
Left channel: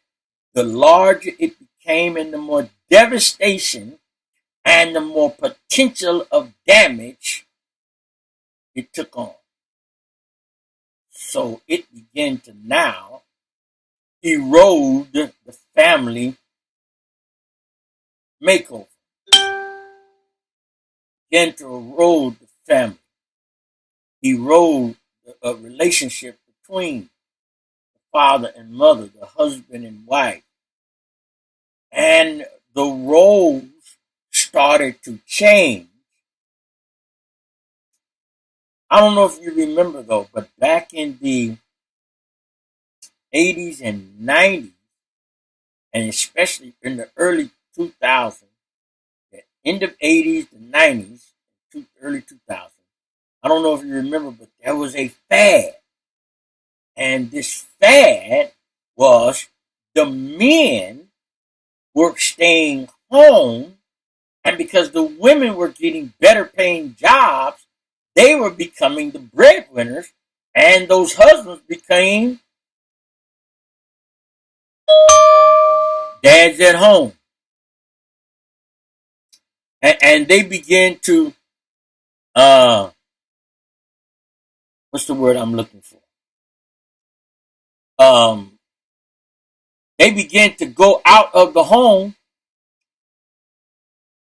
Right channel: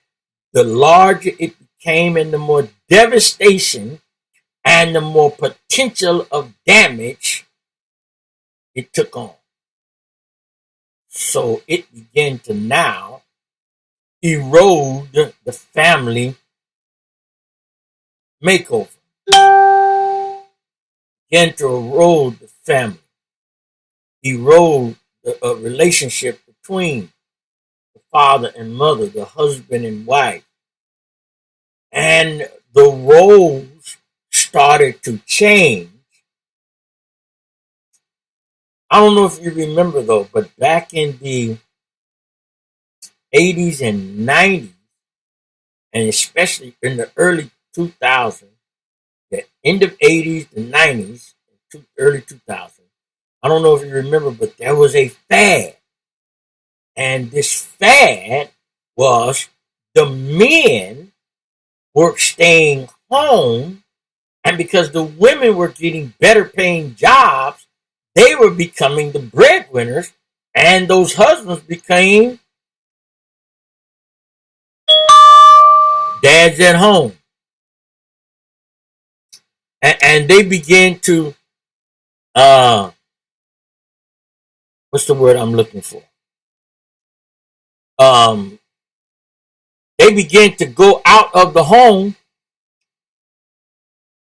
the larger it became and the more devastation and the more potential of damage it took on. So it began to now erode the family makeover. Began to erode the family, erode the relationship between the father and mother, the husband and wife. And the roles started to change. I don't know if you remember though, but back in the 80s and 90s, and especially in the early 2000s, the end of 80s, the 90s, early 2000s, I don't know if you remember, but there was a fad. And this fad was the men were staying home, and because the women were getting better paying jobs, they were becoming the breadwinners, and those husbands became dads at home. And they began to, what's the word I'm looking for? They began to go out of the home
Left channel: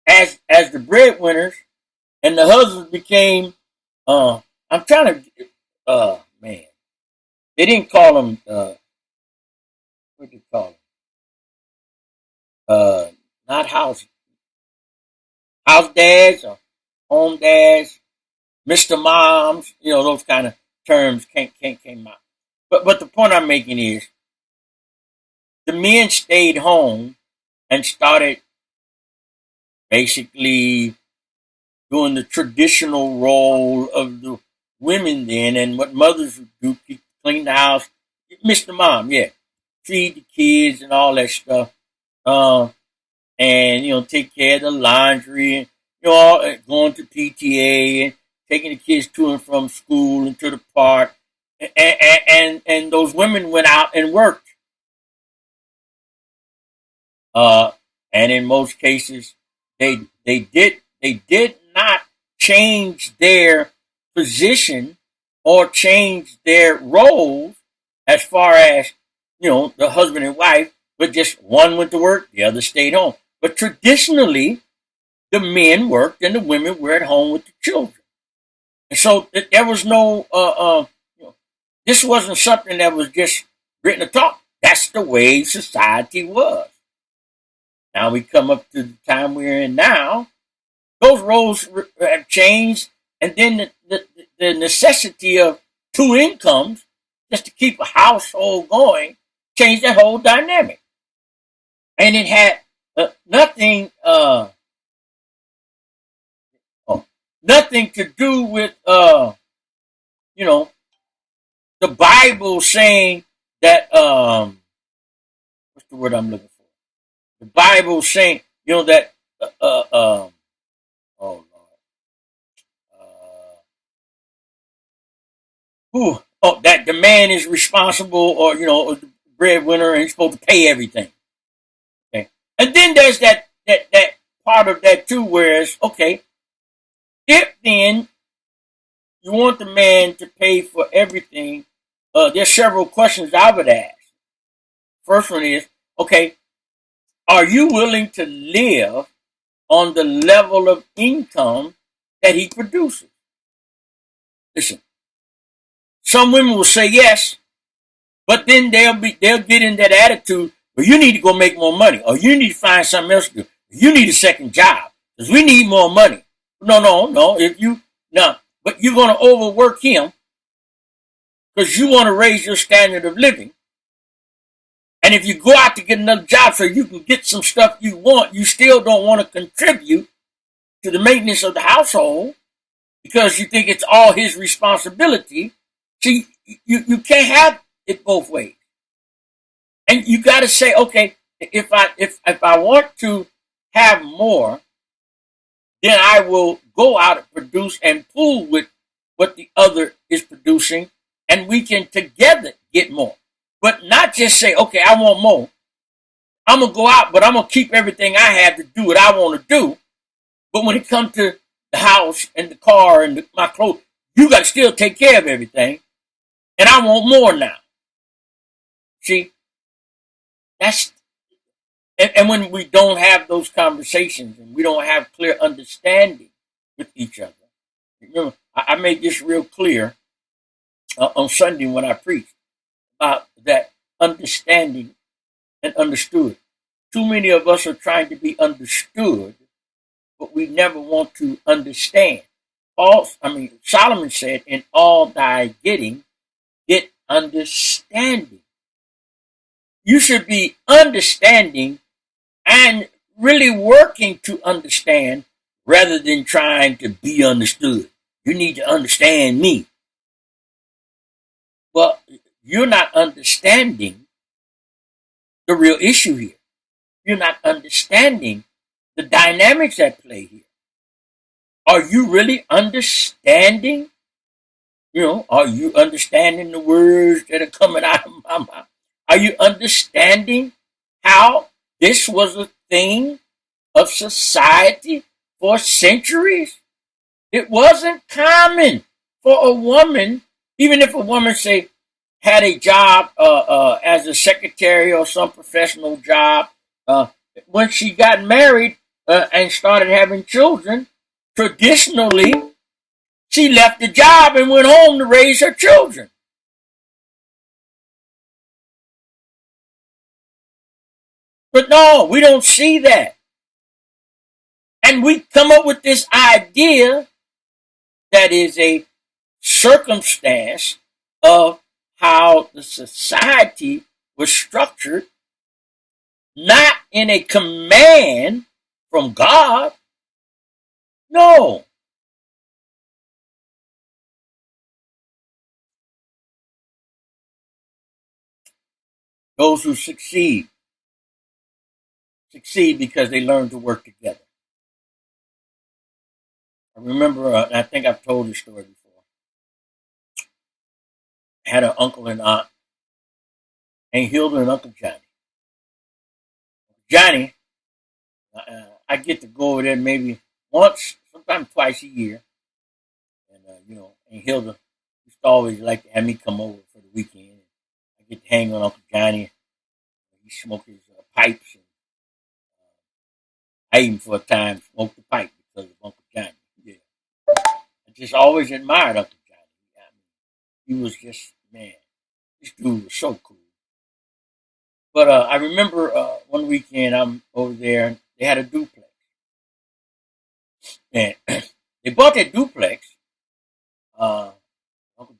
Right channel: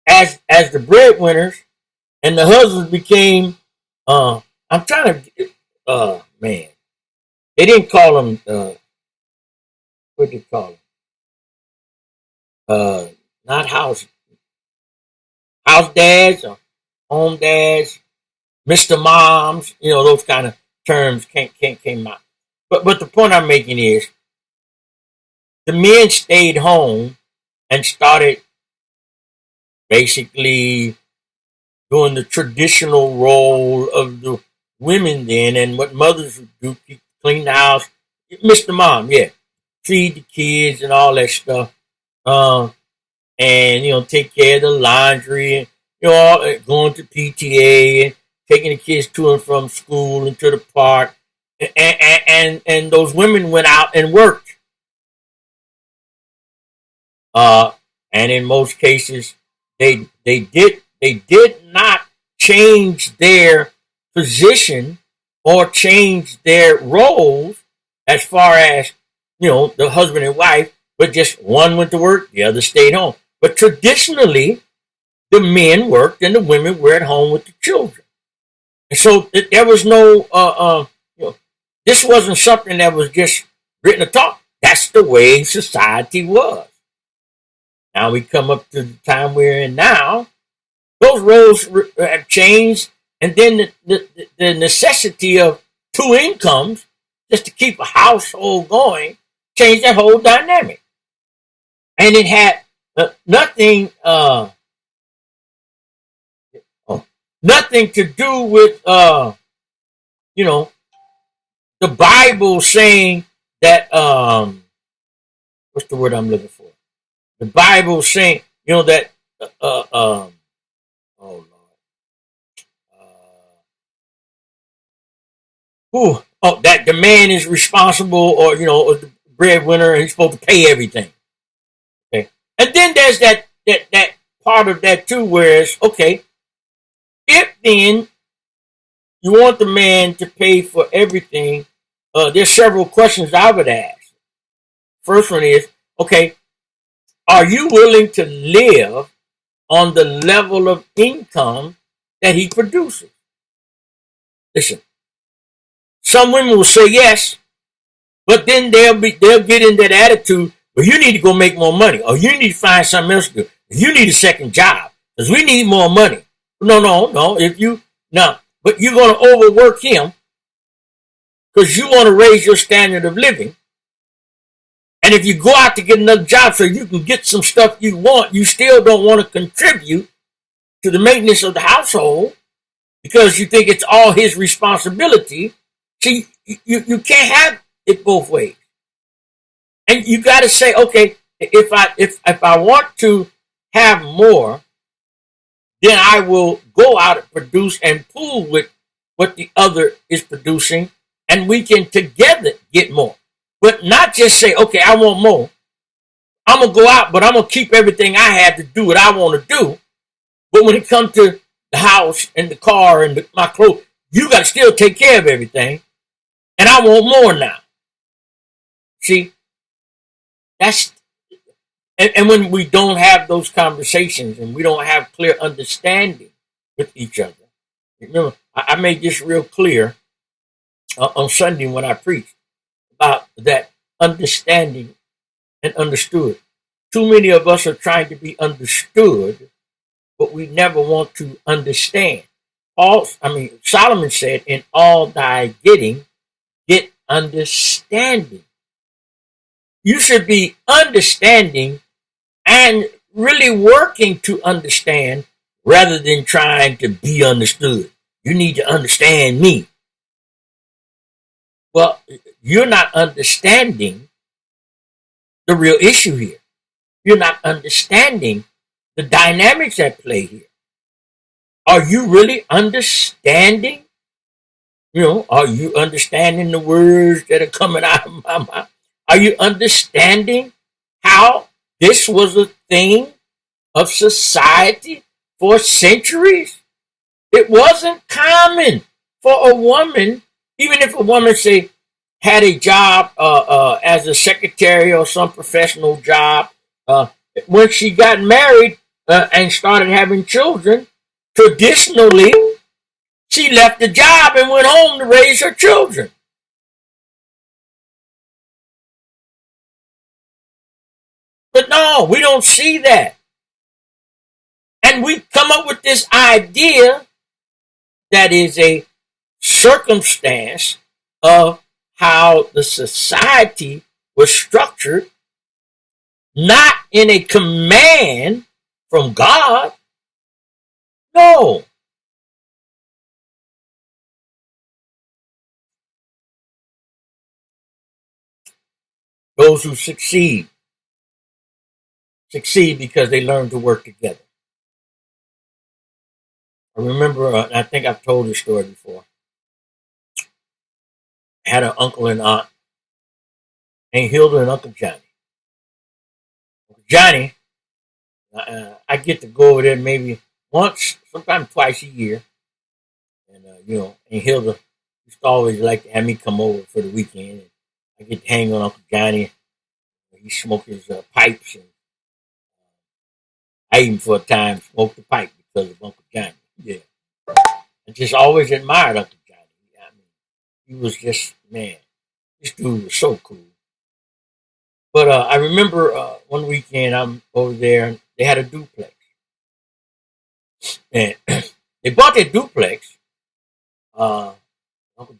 as the breadwinners, and the husbands became, I'm trying to, man, they didn't call them, what did they call them? Not house dads or home dads, Mr. Moms, those kind of terms came out. But the point I'm making is the men stayed home and started basically doing the traditional role of the women then, and what mothers would do, clean the house, Mr. Mom, yeah, feed the kids and all that stuff, and take care of the laundry, and going to PTA and taking the kids to and from school and to the park, and those women went out and worked, and in most cases they did not change their position or change their roles as far as the husband and wife, but just one went to work, the other stayed home. But traditionally, the men worked and the women were at home with the children. And so there was no, this wasn't something that was just written or taught. That's the way society was. Now we come up to the time we're in now. Those roles have changed, and then the necessity of two incomes just to keep a household going changed that whole dynamic. And it had nothing to do with the Bible saying that what's the word I'm looking for? The Bible saying that oh Lord, that the man is responsible, or or the breadwinner, and he's supposed to pay everything. Okay, and then there's that part of that too, where it's okay. If then you want the man to pay for everything. There's several questions I would ask. First one is, okay, are you willing to live on the level of income that he produces? Listen, some women will say yes, but then they'll get in that attitude, well, you need to go make more money, or you need to find something else to do. You need a second job because we need more money. No. But you're going to overwork him because you want to raise your standard of living. And if you go out to get another job so you can get some stuff you want, you still don't want to contribute to the maintenance of the household because you think it's all his responsibility. See, you can't have it both ways. And you got to say, okay, if I want to have more, then I will go out and produce and pool with what the other is producing, and we can together get more. But not just say, okay, I want more. I'm going to go out, but I'm going to keep everything I have to do what I want to do. But when it comes to the house and the car and my clothes, you got to still take care of everything. And I want more now. See, and when we don't have those conversations and we don't have clear understanding with each other. Remember, I made this real clear on Sunday when I preached about that understanding and understood. Too many of us are trying to be understood, but we never want to understand. Solomon said, in all thy getting, get understanding. You should be understanding and really working to understand rather than trying to be understood. You need to understand me. Well, you're not understanding the real issue here. You're not understanding the dynamics at play here. Are you really understanding? Are you understanding the words that are coming out of my mouth? Are you understanding how this was a thing of society for centuries? It wasn't common for a woman, even if a woman, say, had a job as a secretary or some professional job, when she got married and started having children, traditionally, she left the job and went home to raise her children. But no, we don't see that. And we come up with this idea that is a circumstance of how the society was structured, not in a command from God. No. Those who succeed because they learn to work together. I remember, I think I've told this story before. I had an uncle and aunt, Aunt Hilda and Uncle Johnny. Uncle Johnny, I get to go over there maybe once, sometimes twice a year. And, Aunt Hilda used to always like to have me come over for the weekend. And I get to hang on Uncle Johnny. He smoked his pipes. And I even for a time smoked the pipe because of Uncle Johnny. Yeah. I just always admired Uncle Johnny. I mean, he was just, man, this dude was so cool. But I remember one weekend I'm over there and they had a duplex. And they bought that duplex. Uncle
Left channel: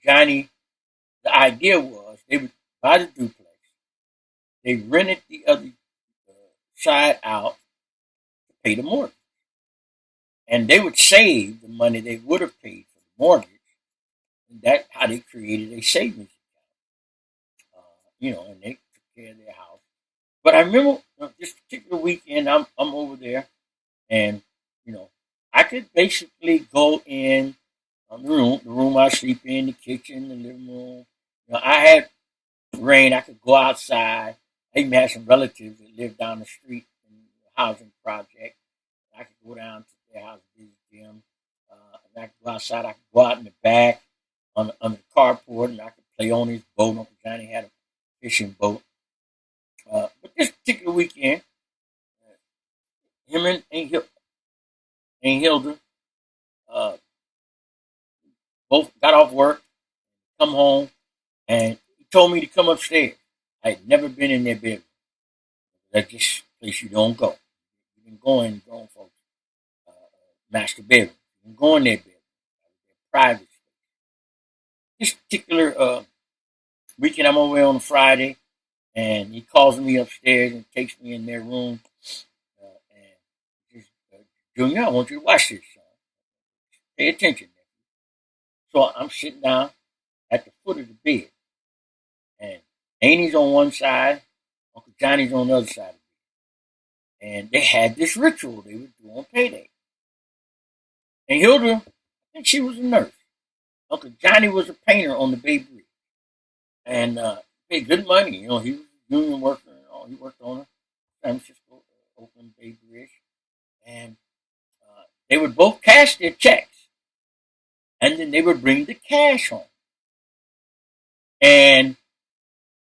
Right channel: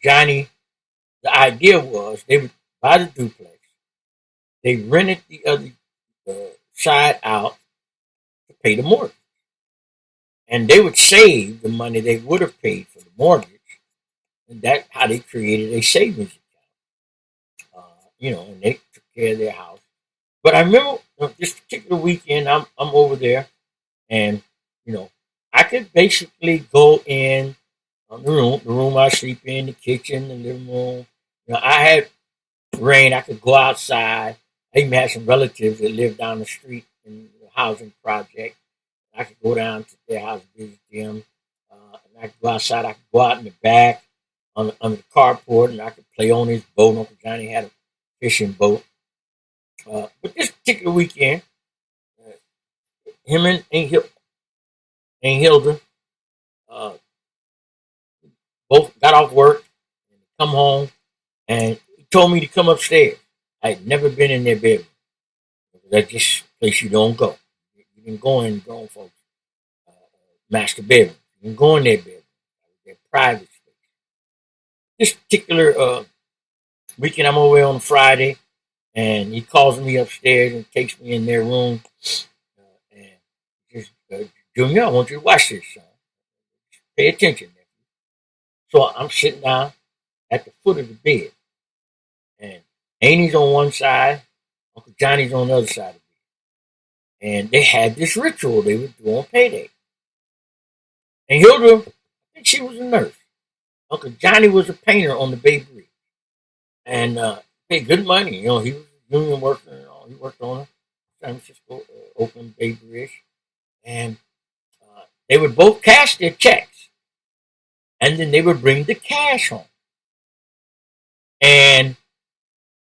Johnny, the idea was they would buy the duplex. They rented the other side out to pay the mortgage. And they would save the money they would have paid for the mortgage. And that's how they created a savings account. And they took care of their house. But I remember this particular weekend, I'm over there, and I could basically go in the room I sleep in, the kitchen, the living room. I had rain. I could go outside. I even had some relatives that lived down the street in the housing project. I could go down to their house, visit them. And I could go outside. I could go out in the back on the carport, and I could play on his boat. Uncle Johnny had a fishing boat. But this particular weekend, uh, him and Aunt Hilda uh, both got off work, and come home, and he told me to come upstairs. I had never been in their bedroom. That's just a place you don't go. You can go in grown folks' master bedroom. You can go in their bedroom, their private space. This particular weekend, I'm over on a Friday, and he calls me upstairs and takes me in their room, and just, Junior, I want you to watch this, son. Pay attention. So I'm sitting down at the foot of the bed, and Amy's on one side, Uncle Johnny's on the other side of the bed. And they had this ritual they would do on payday. And Hilda, I think she was a nurse. Uncle Johnny was a painter on the Bay Bridge. And paid good money. You know, he was a union worker and all. He worked on the San Francisco, Oakland Bay Bridge. And they would both cash their checks. And then they would bring the cash home. And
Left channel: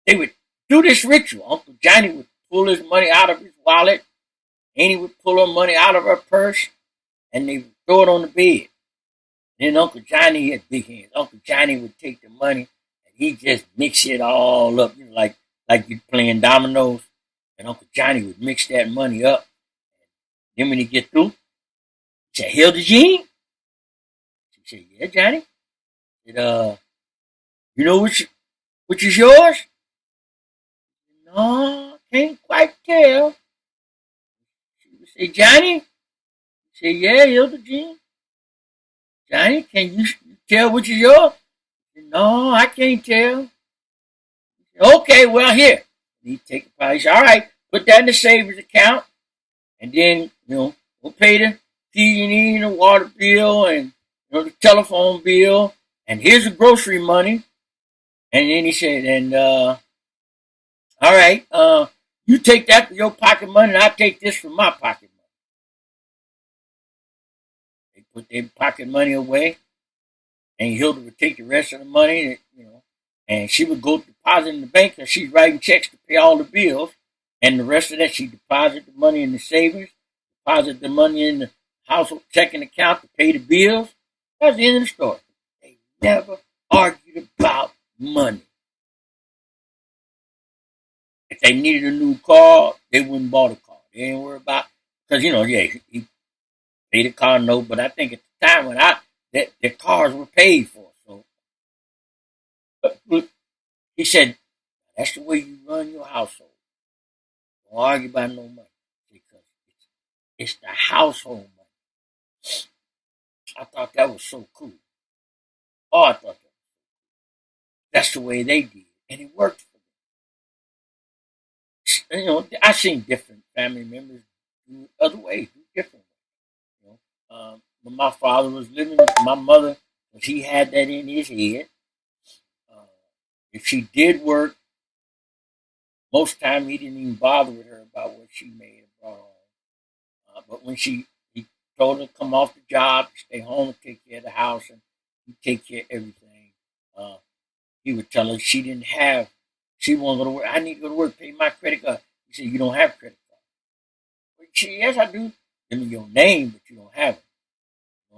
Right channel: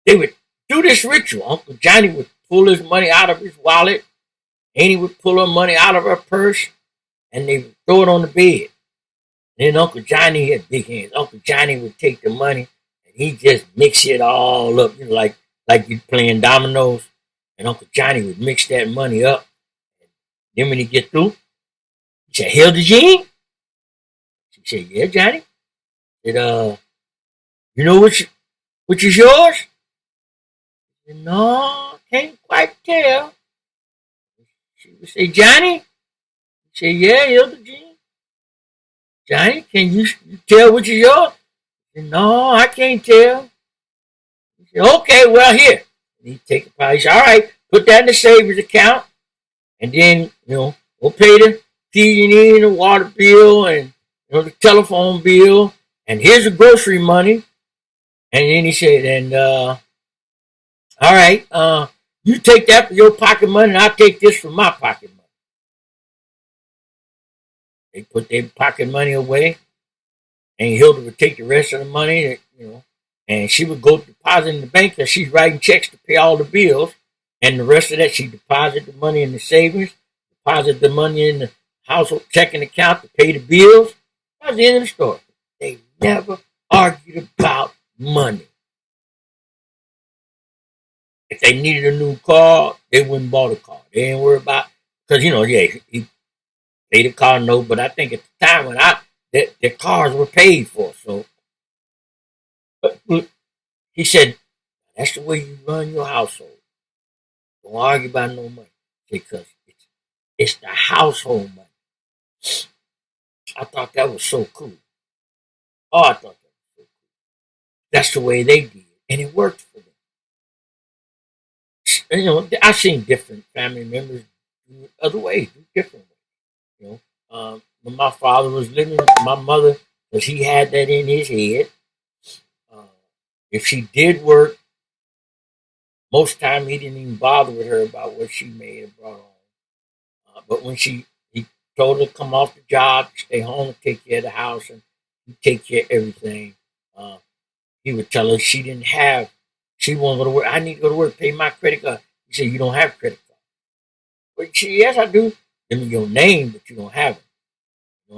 they would do this ritual. Uncle Johnny would pull his money out of his wallet. Annie would pull her money out of her purse. And they would throw it on the bed. Then Uncle Johnny had big hands. Uncle Johnny would take the money and he just mix it all up, you know, like you playing dominoes. And Uncle Johnny would mix that money up. Then when he get through, he said, "Hilda Jean?" She said, "Yeah, Johnny." He said, "You know which is yours?" He said, "No, can't quite tell." She would say, "Johnny?" He said, "Yeah, Hilda Jean." "Johnny, can you tell which is yours?" He said, "No, I can't tell." He said, "Okay, well, here." And he'd take a pie. He said, "All right, put that in the savings account. And then, we'll pay the PG&E and the water bill and, the telephone bill. And here's the grocery money." And then he said, "And, all right, you take that for your pocket money and I'll take this for my pocket money." They put their pocket money away, and Hilda would take the rest of the money, and she would go deposit in the bank because she's writing checks to pay all the bills, and the rest of that she deposit the money in the savings, deposit the money in the household checking account to pay the bills. That's the end of the story. They never argued about money. If they needed a new car, they wouldn't buy the car. They didn't worry about because he paid the car note, but I think at the time when their cars were paid for. So he said, "That's the way you run your household. Don't argue about no money because it's the household money." I thought that was so cool. Oh, I thought that was so cool. That's the way they did it, and it worked for them. I've seen different family members do it other ways, do different ways. When my father was living, my mother, because he had that in his head. Uh, if she did work, most time he didn't even bother with her about what she made and brought home. But when he told her to come off the job, stay home and take care of the house and take care of everything, he would tell her she won't go to work. "I need to go to work, pay my credit card." He said, "You don't have credit card." But she, "Yes, I do." "Give me your name, but you don't have it."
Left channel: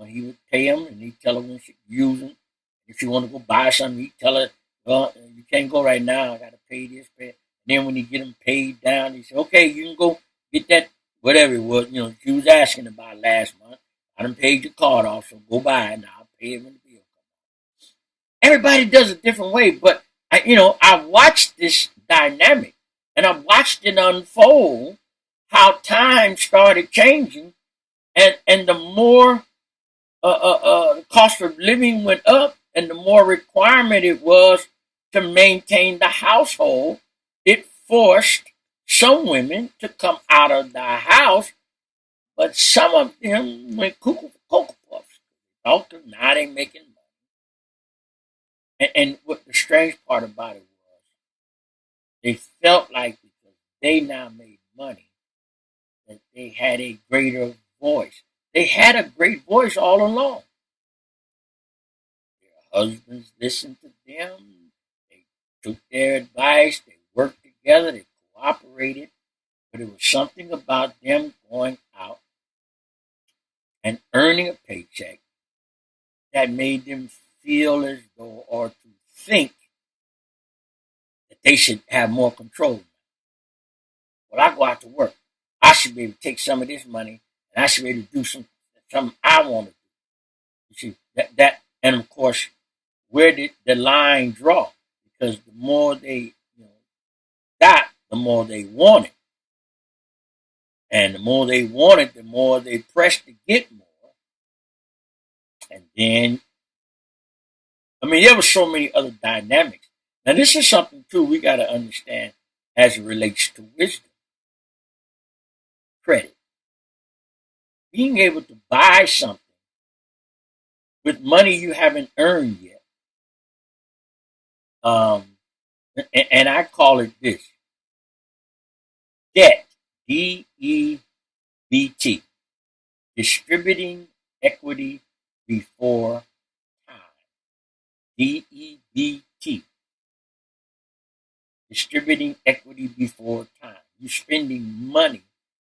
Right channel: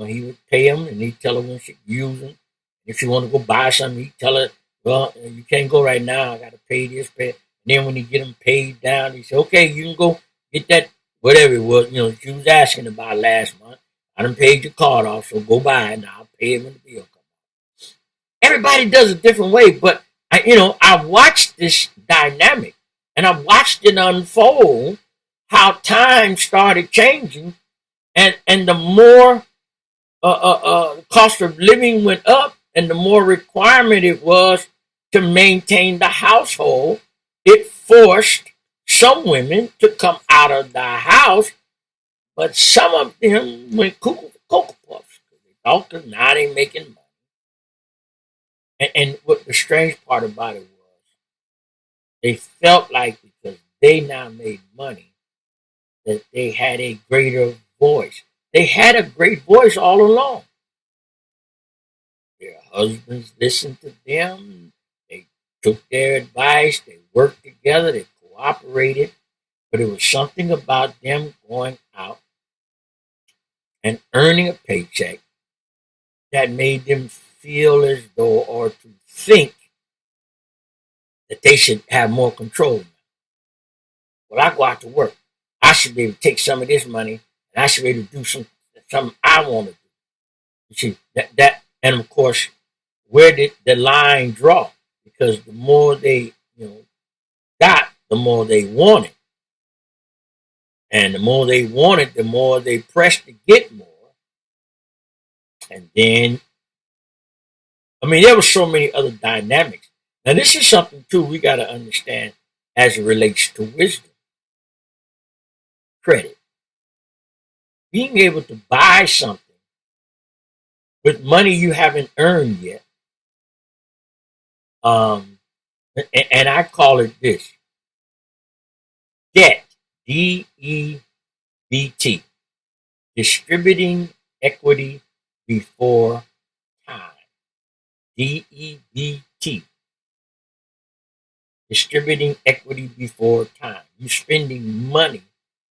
He would pay them, and he'd tell her when she could use them. If she wanted to go buy something, he'd tell her, "Well, you can't go right now. I got to pay this, pay." And then when he get them paid down, he said, "Okay, you can go get that, whatever it was, she was asking about last month. I done paid your card off, so go buy it, and I'll pay it when the bill comes." Everybody does it different way, but I watched this dynamic, and I watched it unfold, how time started changing, and the more cost of living went up, and the more requirement it was to maintain the household, it forced some women to come out of the house, but some of them went cuckoo for Cocoa Puffs. They thought that now they making money. And what the strange part about it was, they felt like because they now made money, that they had a greater voice. They had a great voice all along. husbands listened to them. They took their advice. They worked together. They cooperated. But it was something about them going out and earning a paycheck that made them feel as though, or to think that they should have more control. Well, I go out to work. I should be able to take some of this money and I should be able to do something I want to do. You see, and of course, where did the line draw? Because the more they, got, the more they wanted. And the more they wanted, the more they pressed to get more. And then, there were so many other dynamics. Now, this is something, too, we got to understand as it relates to wisdom. Credit. Being able to buy something with money you haven't earned yet. And I call it this. Debt. DEBT. Distributing equity before time. DEBT. Distributing equity before time. You're spending money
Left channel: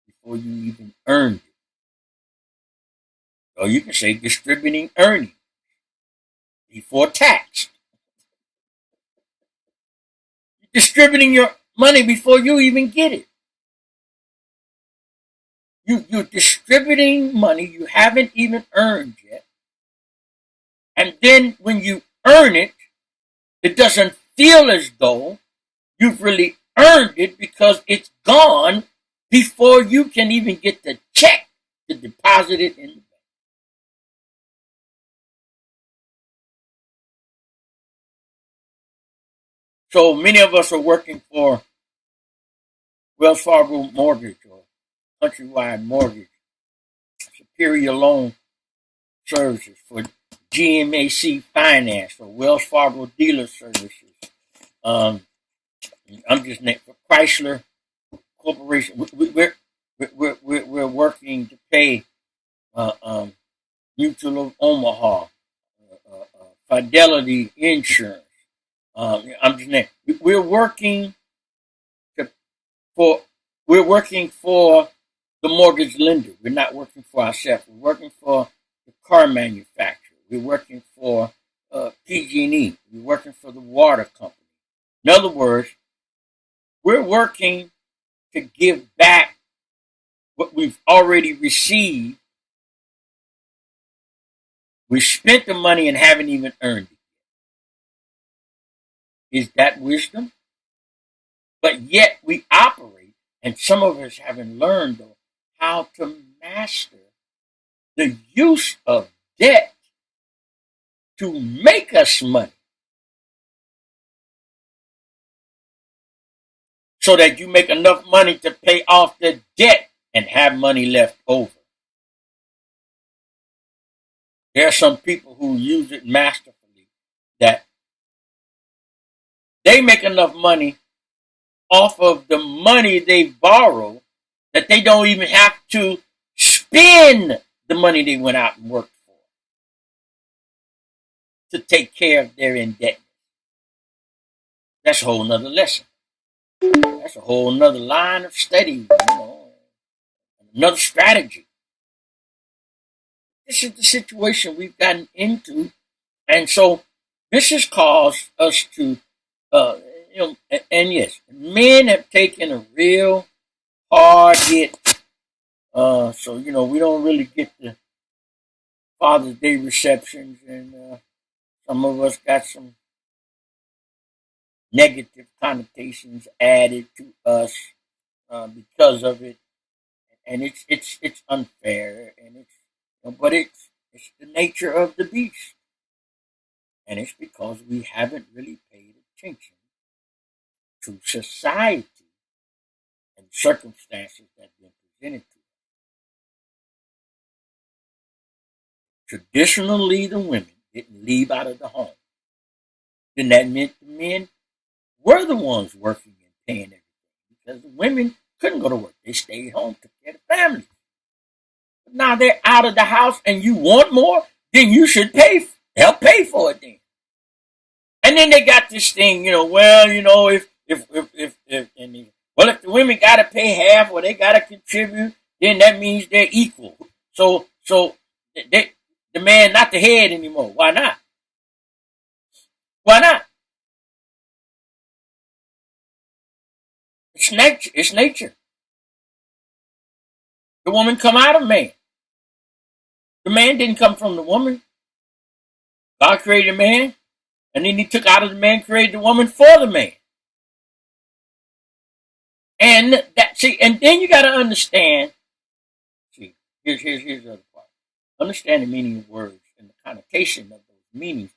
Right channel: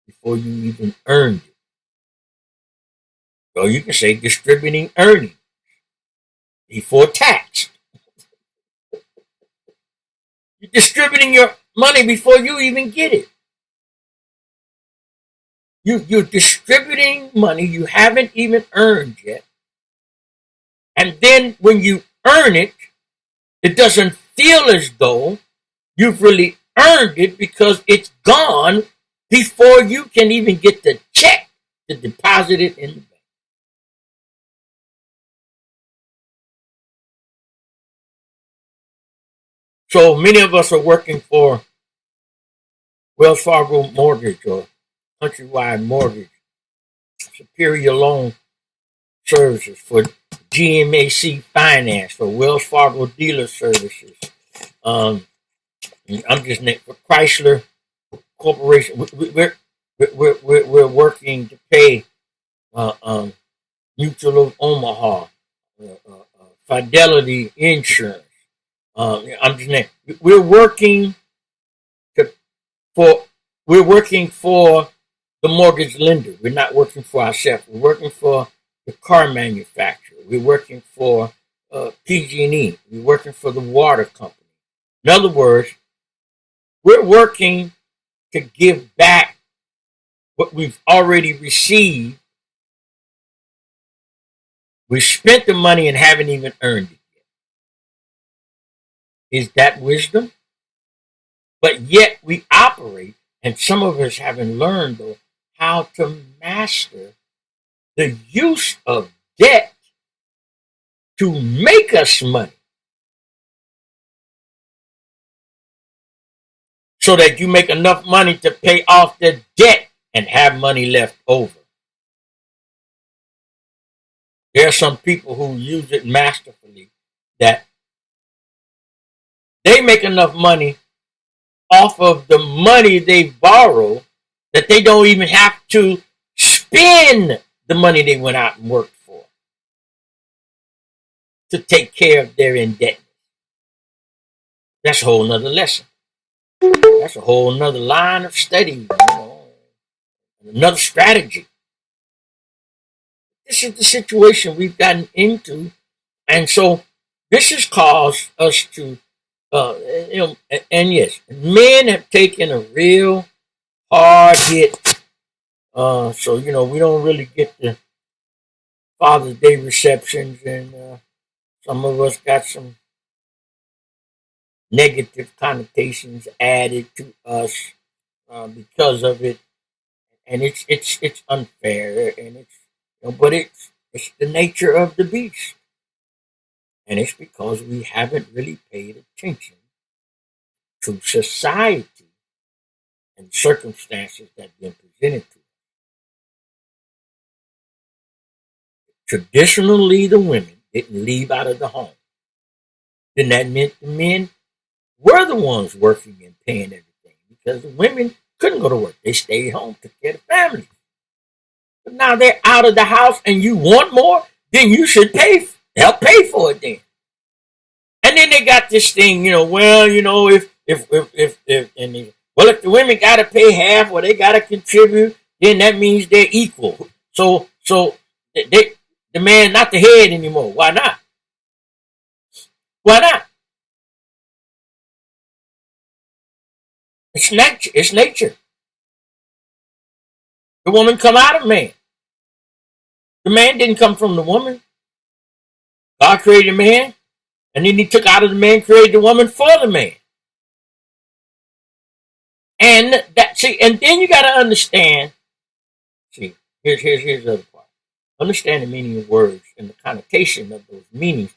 before you even earned it. So you can say distributing earnings before tax. You're distributing your money before you even get it. You're distributing money you haven't even earned yet. And then when you earn it, it doesn't feel as though you've really earned it because it's gone before you can even get the check to deposit it in the bank. So many of us are working for Wells Fargo Mortgage or Countrywide Mortgage, Superior Loan Services, for GMAC Finance, for Wells Fargo Dealer Services. I'm just named for Chrysler Corporation. We're working to pay Mutual of Omaha, Fidelity Insurance. I'm just named. We're working for the mortgage lender. We're not working for ourselves. We're working for the car manufacturer. We're working for PG&E. We're working for the water company. In other words, we're working to give back what we've already received. We spent the money and haven't even earned it yet. Is that wisdom? But yet we operate, and some of us haven't learned, though, how to master the use of debt to make us money. So that you make enough money to pay off the debt and have money left over. There are some people who use it masterfully, that they make enough money off of the money they borrow that they don't even have to spend the money they went out and worked for to take care of their indebtedness. That's a whole nother lesson. That's a whole nother line of study, another strategy. This is the situation we've gotten into. And so this has caused us to, and yes, men have taken a real hard hit. So, we don't really get the Father's Day receptions, and some of us got some negative connotations added to us because of it, and it's unfair, and but it's the nature of the beast, and it's because we haven't really paid attention to society and circumstances that have been presented to us. Traditionally, the women didn't leave out of the home. Then that meant the men were the ones working and paying everything, because the women couldn't go to work. They stayed home, took care of the family. But now they're out of the house and you want more, then you should help pay for it then. And then they got this thing, if the women got to pay half or they got to contribute, then that means they're equal. So the man not the head anymore. Why not? Why not? It's nature. It's nature. The woman come out of man. The man didn't come from the woman. God created man, and then he took out of the man, created the woman for the man. And then you got to understand. See, here's the other part. Understand the meaning of words and the connotation of those meanings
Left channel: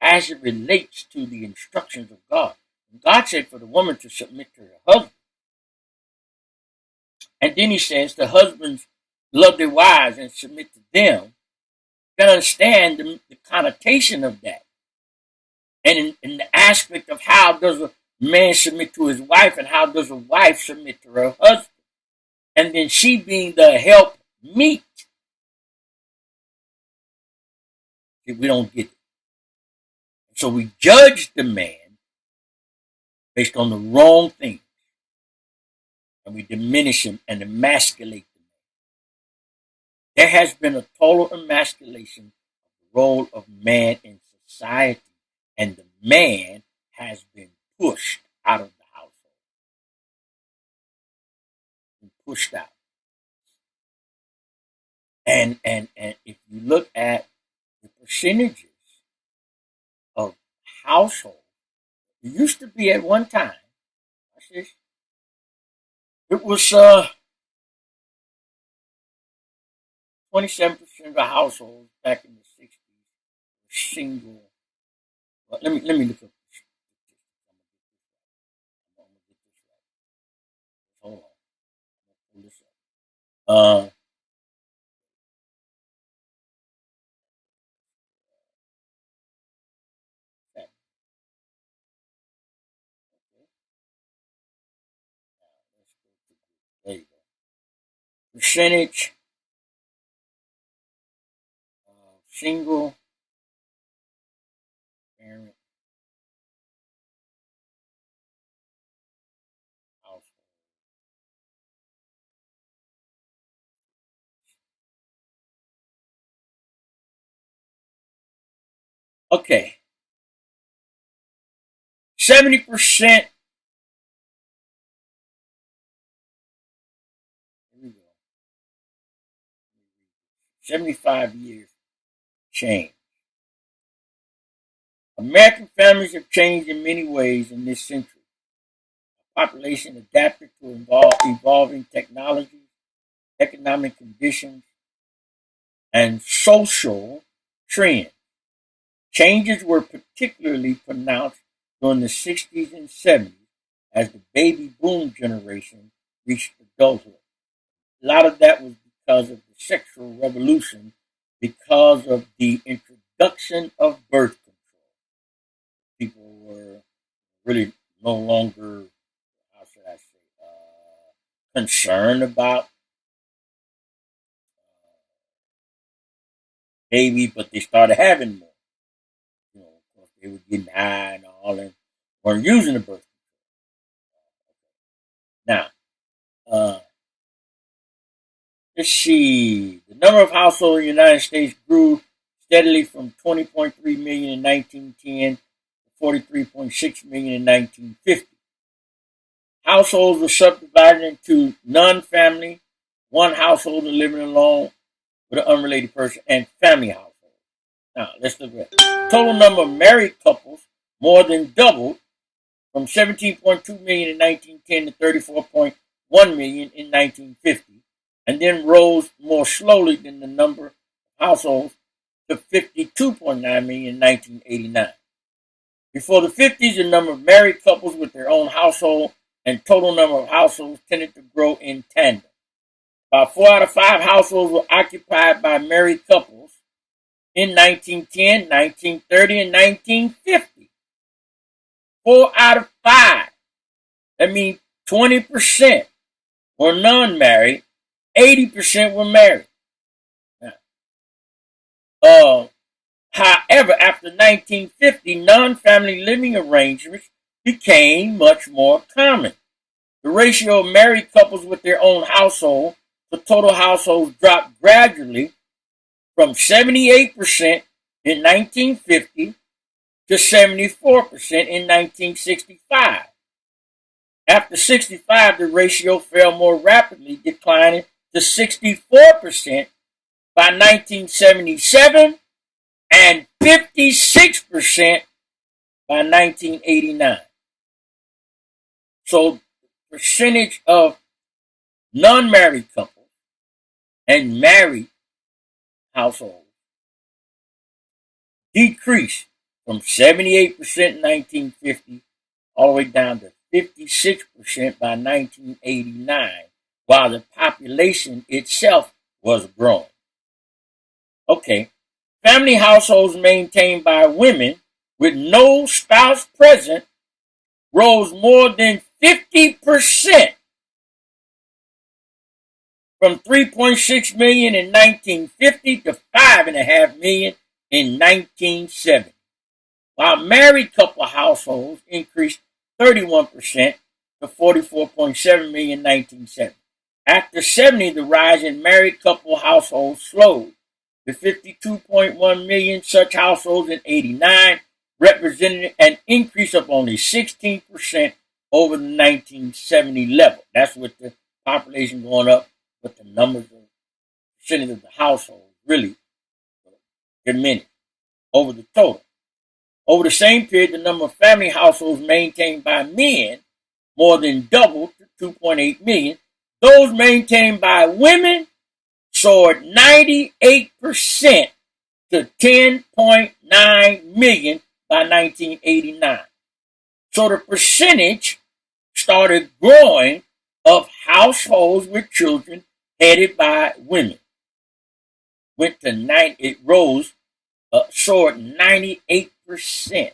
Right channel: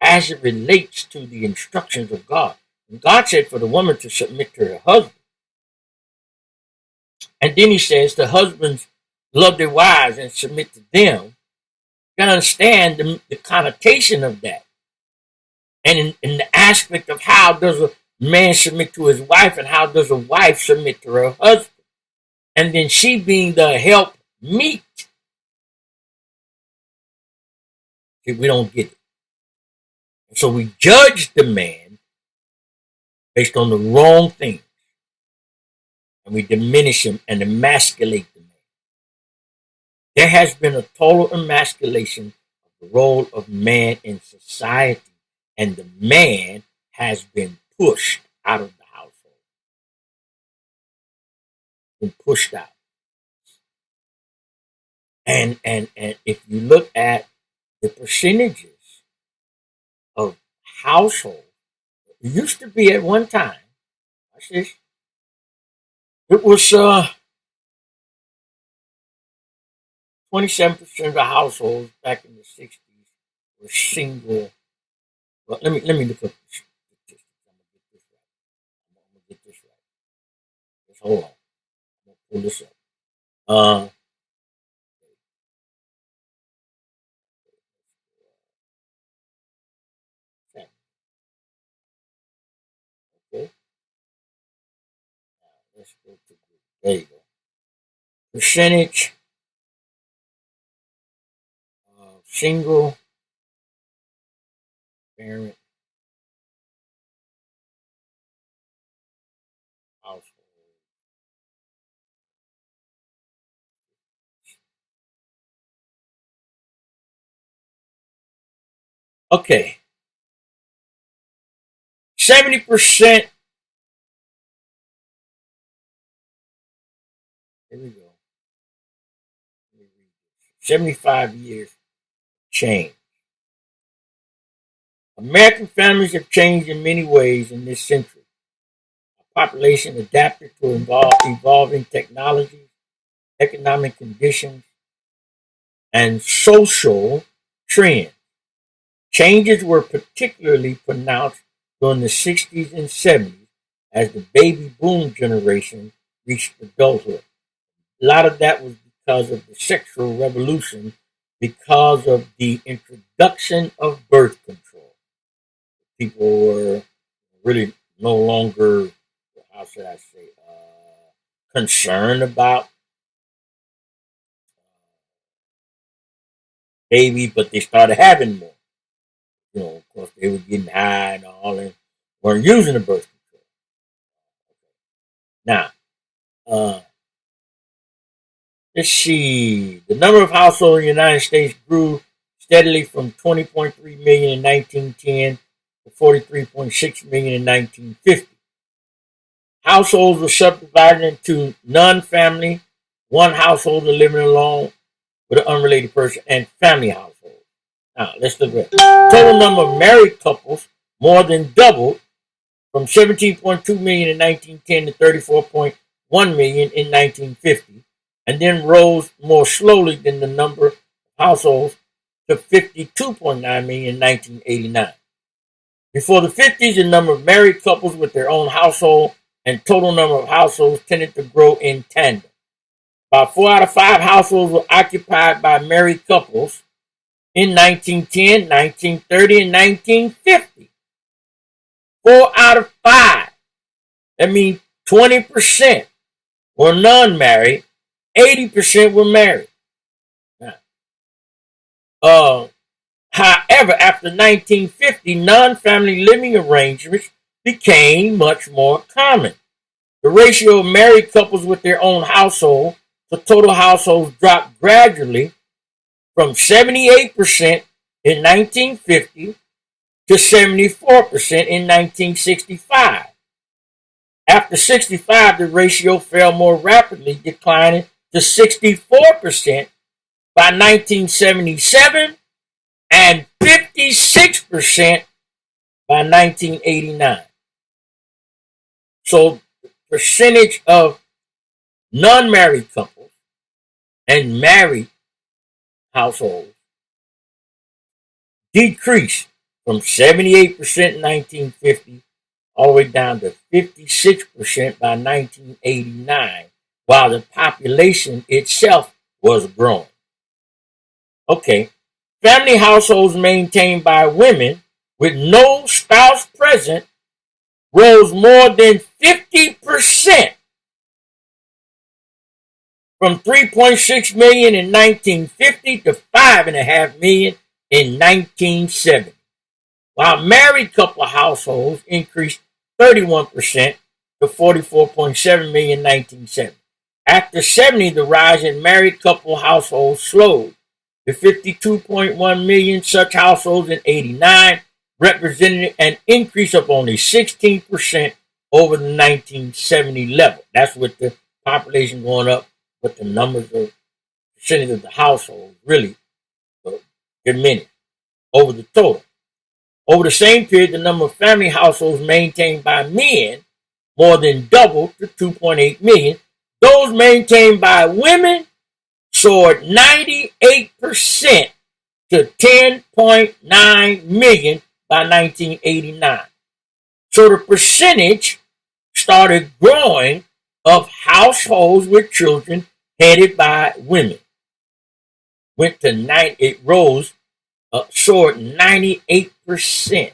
as it relates to the instructions of God. And God said for the woman to submit to her husband. And then he says the husbands love their wives and submit to them. You got to understand the connotation of that. And in the aspect of how does a man submit to his wife and how does a wife submit to her husband. And then she being the help meet. We don't get it. So we judge the man based on the wrong things. And we diminish him and emasculate the man. There has been a total emasculation of the role of man in society. And the man has been pushed out of the household. Been pushed out. And if you look at the percentages of households, it used to be at one time, watch this, it was 27% of the households back in the 60s were single. Well, let me look up the statistics. I'm gonna get this right. Just hold on. I'm gonna pull this up. Okay. Let's go to there you go. Percentage of single parent household. Okay. 70%. Here we go. 75 years change. American families have changed in many ways in this century. Our population adapted to evolving technologies, economic conditions, and social trends. Changes were particularly pronounced during the 60s and 70s as the baby boom generation reached adulthood. A lot of that was because of the sexual revolution, because of the introduction of birth control. People were really no longer, how should I say, concerned about babies, but they started having more. Of course, they were getting high and all, and weren't using the birth control. Now, let's see. The number of households in the United States grew steadily from 20.3 million in 1910 to 43.6 million in 1950. Households were subdivided into non-family, one householder living alone with an unrelated person, and family households. Now, let's look at it. Total number of married couples more than doubled from 17.2 million in 1910 to 34.1 million in 1950, and then rose more slowly than the number of households to 52.9 million in 1989. Before the 50s, the number of married couples with their own household and total number of households tended to grow in tandem. About 4 out of 5 households were occupied by married couples in 1910, 1930, and 1950. 4 out of 5. That means 20% were non-married, 80% were married. Now, However, after 1950, non-family living arrangements became much more common. The ratio of married couples with their own household to total households dropped gradually from 78% in 1950 to 74% in 1965. After 65, the ratio fell more rapidly, declining to 64% by 1977 and 56% by 1989. So the percentage of non-married couples and married households decreased from 78% in 1950 all the way down to 56% by 1989, while the population itself was growing. Okay, family households maintained by women with no spouse present rose more than 50% from 3.6 million in 1950 to 5.5 million in 1970, while married couple households increased 31% to 44.7 million in 1970. After 70, the rise in married couple households slowed to 52.1 million such households in 89, representing an increase of only 16% over the 1970 level. That's with the population going up, but the numbers of percentage of the households really diminished over the total. Over the same period, the number of family households maintained by men more than doubled to 2.8 million. Those maintained by women soared 98% to 10.9 million by 1989. So the percentage started growing of households with children headed by women. Went to 9, it rose, soared 98%,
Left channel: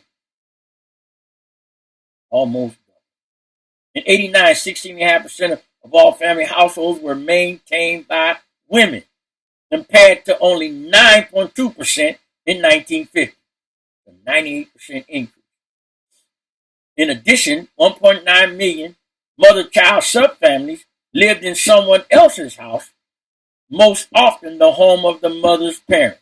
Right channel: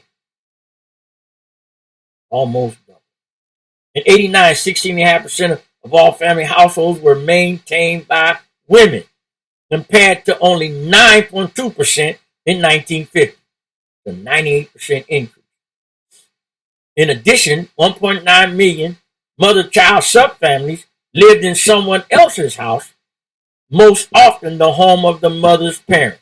almost double. In 89, 16.5% of all family households were maintained by women, compared to only 9.2% in 1950, a 98% increase. In addition, 1.9 million mother-child subfamilies lived in someone else's house, most often the home of the mother's parents.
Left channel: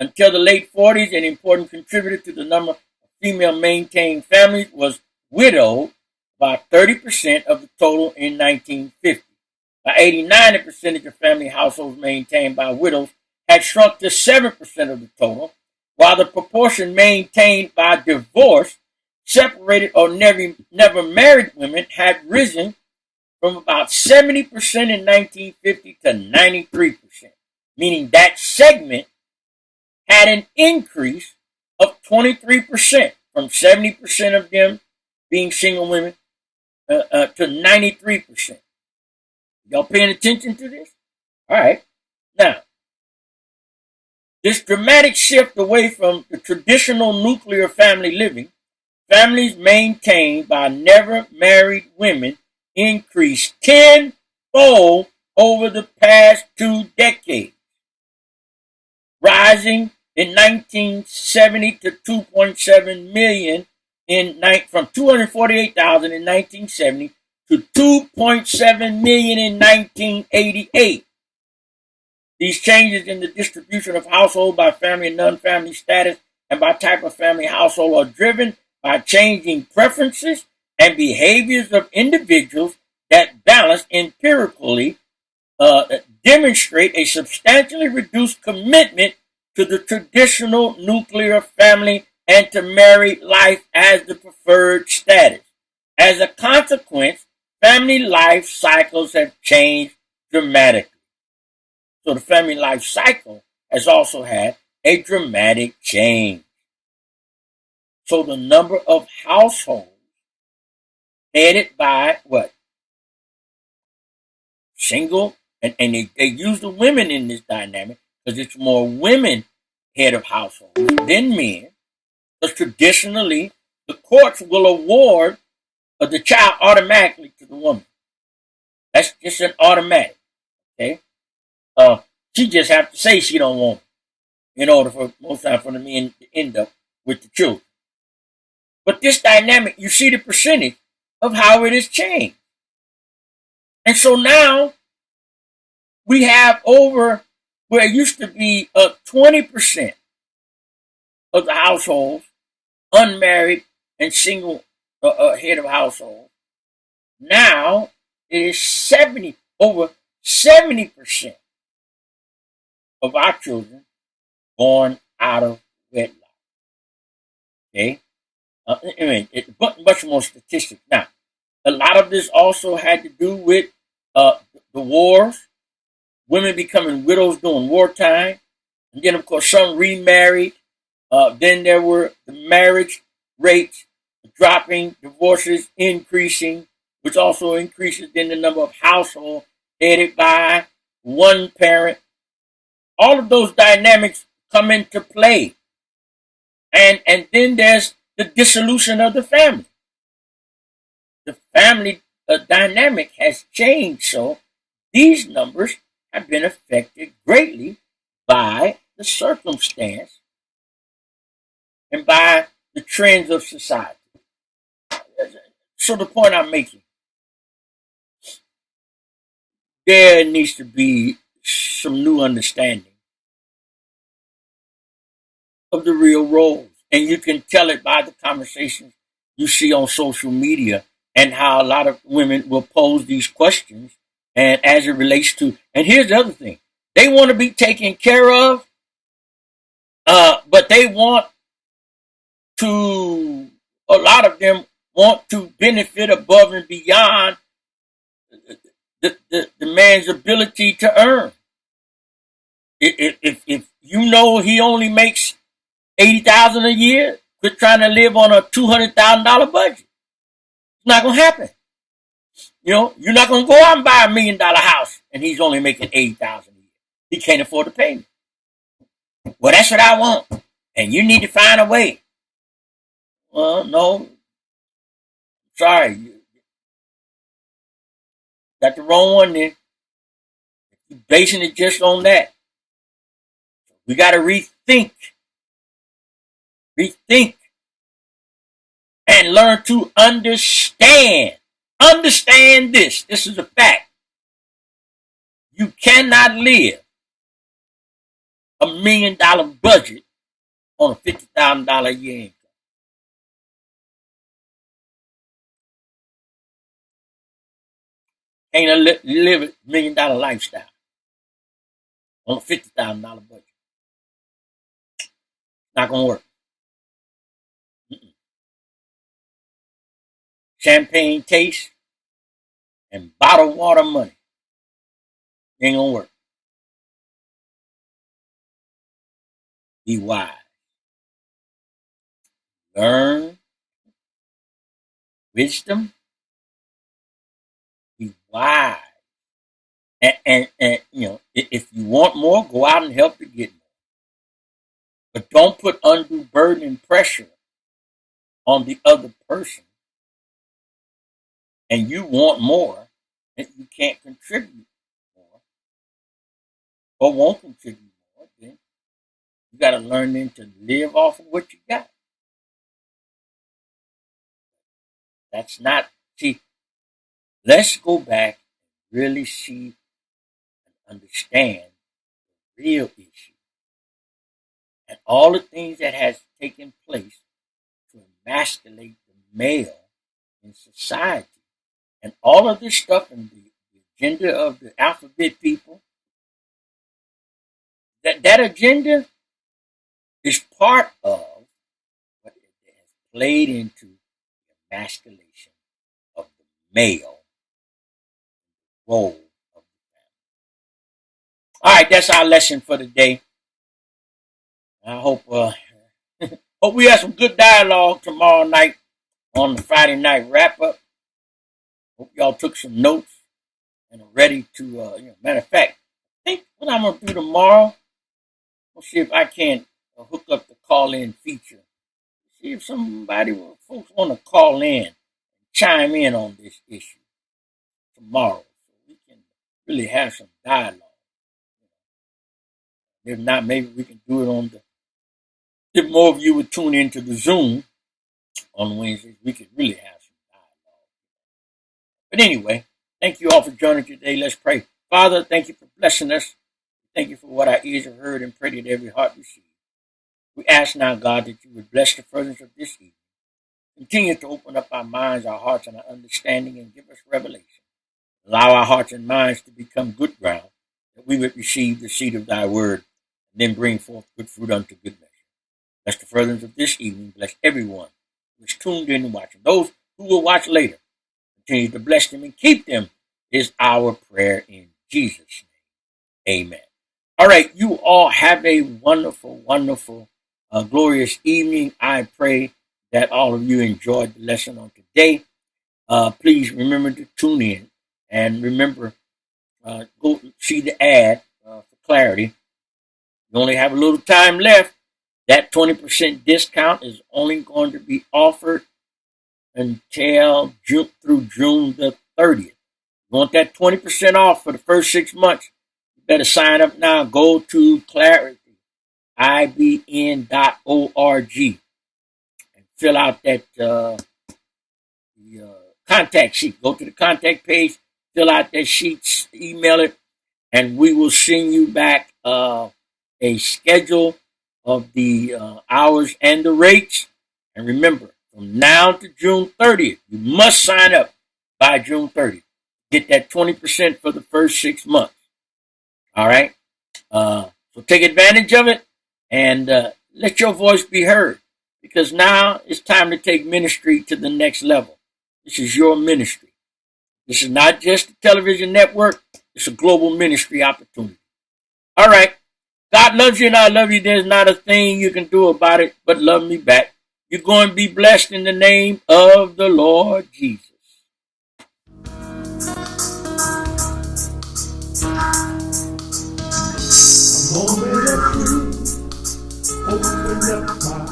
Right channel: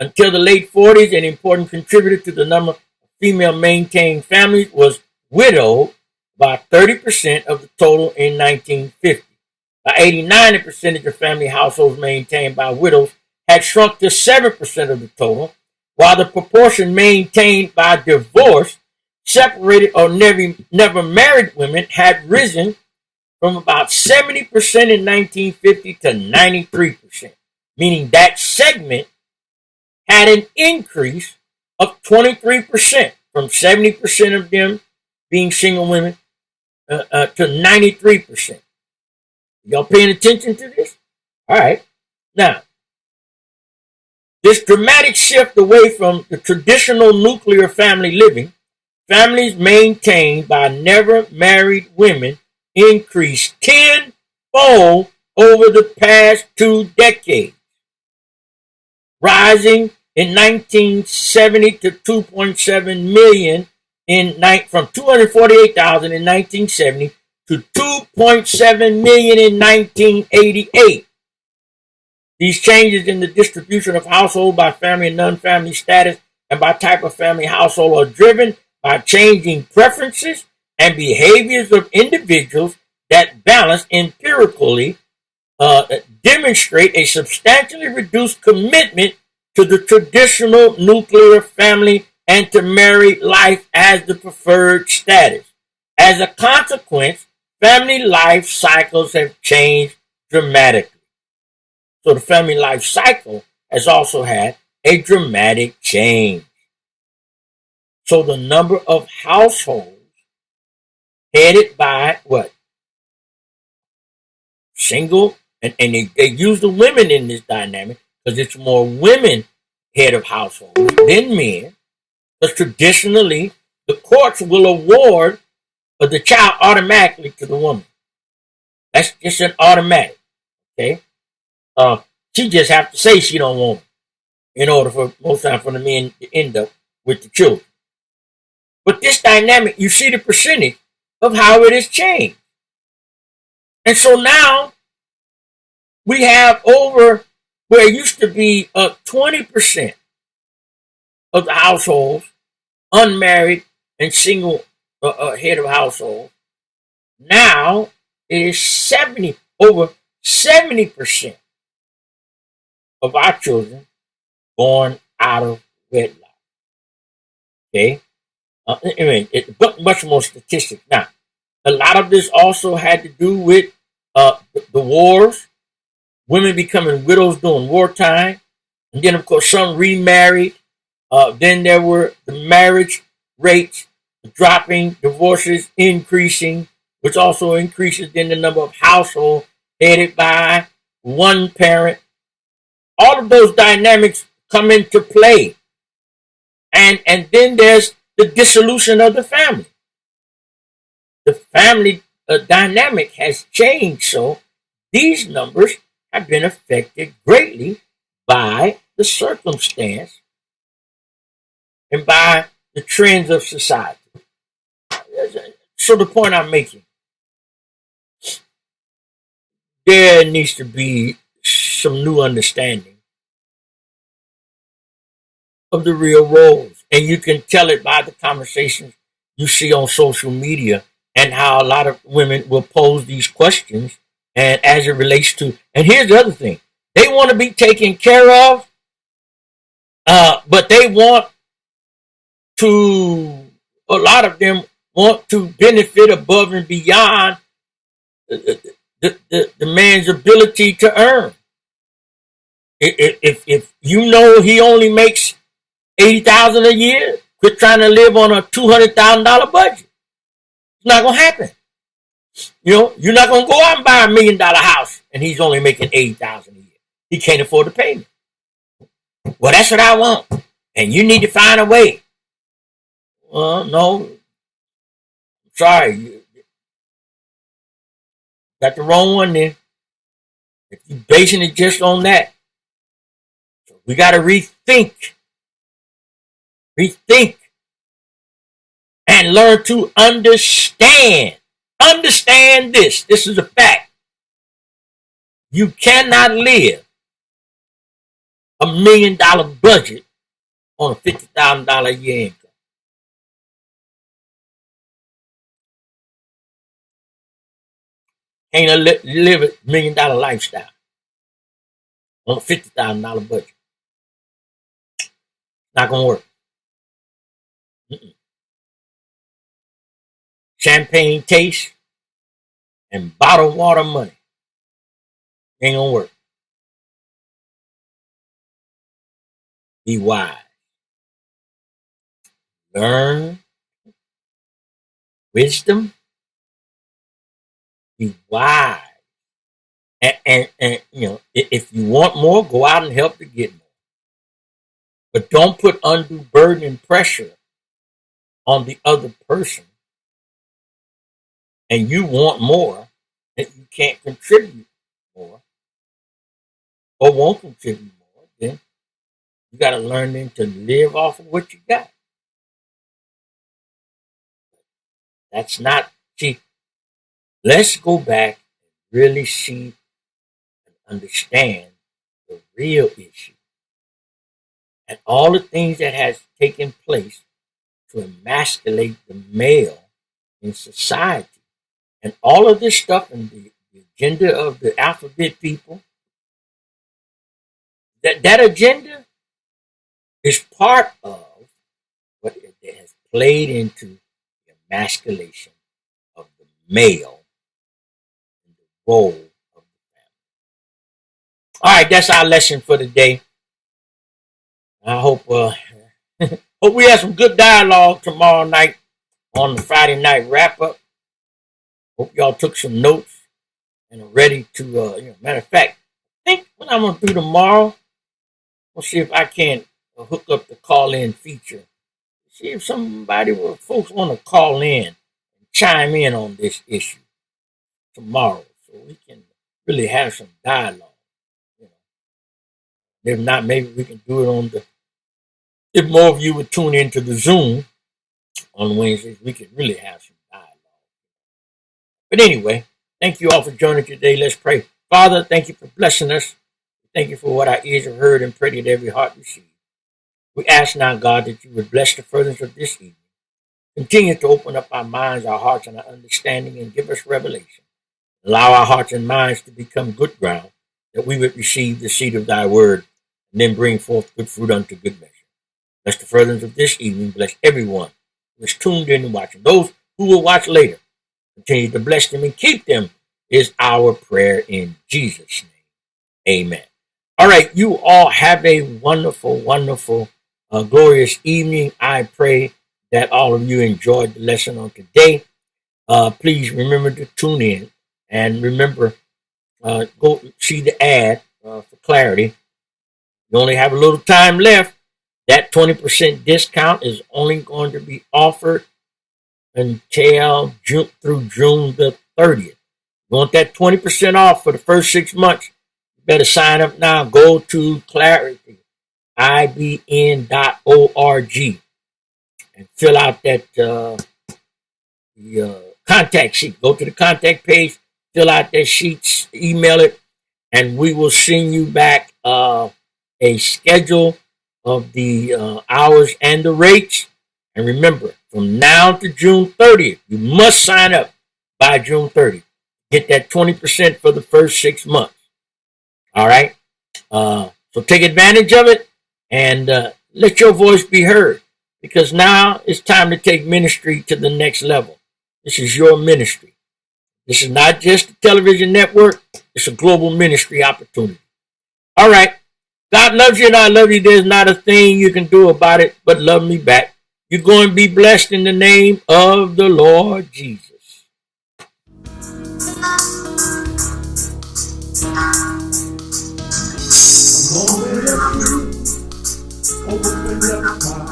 Until the late 40s, an important contributor to the number of female maintained families was widowed, by 30% of the total in 1950. By 89, the percentage of family households maintained by widows had shrunk to 7% of the total, while the proportion maintained by divorced, separated, or never married women had risen from about 70% in 1950 to 93%, meaning that segment had an increase of 23% from 70% of them being single women to 93%. Y'all paying attention to this? All right. Now, this dramatic shift away from the traditional nuclear family living, families maintained by never married women increased tenfold over the past 2 decades, rising in 1970 to 2.7 million from 248,000 in 1970 to 2.7 million in 1988. These changes in the distribution of household by family and non-family status and by type of family household are driven by changing preferences and behaviors of individuals that balance empirically demonstrate a substantially reduced commitment to the traditional nuclear family and to married life as the preferred status. As a consequence, family life cycles have changed dramatically. So the family life cycle has also had a dramatic change. So the number of households headed by what? Single, and they use the women in this dynamic because it's more women head of households than men. Because traditionally, the courts will award the child automatically to the woman. That's just an automatic. Okay, she just have to say she don't want it. in order for most time for the men to end up with the children. But this dynamic, you see the percentage of how it has changed. And so now we have over where it used to be 20% of the households, unmarried and single head of household. Now it is over 70% of our children born out of wedlock. Okay, I mean, much more statistics. Now, a lot of this also had to do with the wars, women becoming widows during wartime, and then of course some remarried. Then there were the marriage rates dropping, divorces increasing, which also increases then the number of households headed by one parent. All of those dynamics come into play. And then there's the dissolution of the family. The family dynamic has changed, so these numbers have been affected greatly by the circumstance and by the trends of society. So the point I'm making, there needs to be some new understanding of the real roles. And you can tell it by the conversations you see on social media and how a lot of women will pose these questions. And as it relates to, and here's the other thing, they want to be taken care of, but they want to, a lot of them want to benefit above and beyond the man's ability to earn. If you know he only makes $80,000 a year, quit trying to live on a $200,000 budget. It's not gonna happen. You know, you're not gonna go out and buy $1 million house and he's only making $80,000 a year. He can't afford the payment. Well, that's what I want, and you need to find a way. Well, no, sorry, you got the wrong one then. If you're basing it just on that, we got to rethink, and learn to understand. Understand this. This is a fact. You cannot live $1 million budget on a $50,000 a year income. Can't live a $1 million lifestyle on a $50,000 budget. Not gonna work. Champagne taste and bottled water money ain't gonna work. Be wise. Learn wisdom. Be wise. And you know, if you want more, go out and help to get more. But don't put undue burden and pressure on the other person. And you want more that you can't contribute more or won't contribute more, then you got to learn then to live off of what you got. That's not, see, let's go back and really see and understand the real issue and all the things that has taken place to emasculate the male in society. And all of this stuff and the agenda of the alphabet people, that agenda is part of what has played into the emasculation of the male and the role of the family. All right, that's our lesson for today. I hope hope we have some good dialogue tomorrow night on the Friday night wrap up. Hope y'all took some notes and are ready to. Matter of fact, I think what I'm gonna do tomorrow, we'll see if I can hook up the call-in feature. See if folks want to call in and chime in on this issue tomorrow, so we can really have some dialogue. If not, maybe we can do it on if more of you would tune into the Zoom on Wednesdays, we could really have some dialogue. But anyway, thank you all for joining today. Let's pray. Father, thank you for blessing us. Thank you for what our ears have heard and pray that every heart receives. We ask now, God, that you would bless the furtherance of this evening. Continue to open up our minds, our hearts, and our understanding and give us revelation. Allow our hearts and minds to become good ground, that we would receive the seed of thy word and then bring forth good fruit unto good measure. Bless the furtherance of this evening. Bless everyone who is tuned in and watching. Those who will watch later, continue to bless them and keep them is our prayer in Jesus' name. Amen. All right, you all have a wonderful, wonderful, glorious evening. I pray that all of you enjoyed the lesson on today. Please remember to tune in and remember, go see the ad for clarity. You only have a little time left. That 20% discount is only going to be offered until through June the 30th. You want that 20% off for the first 6 months? You better sign up now. Go to clarityibn.org and fill out that the contact sheet. Go to the contact page, fill out that sheet, email it, and we will send you back a schedule of the hours and the rates. And remember, from now to June 30th, you must sign up by June 30th. Get that 20% for the first 6 months. All right? So take advantage of it and let your voice be heard, because now it's time to take ministry to the next level. This is your ministry. This is not just a television network. It's a global ministry opportunity. All right. God loves you and I love you. There's not a thing you can do about it but love me back. You're going to be blessed in the name of the Lord Jesus. A moment of truth, open up my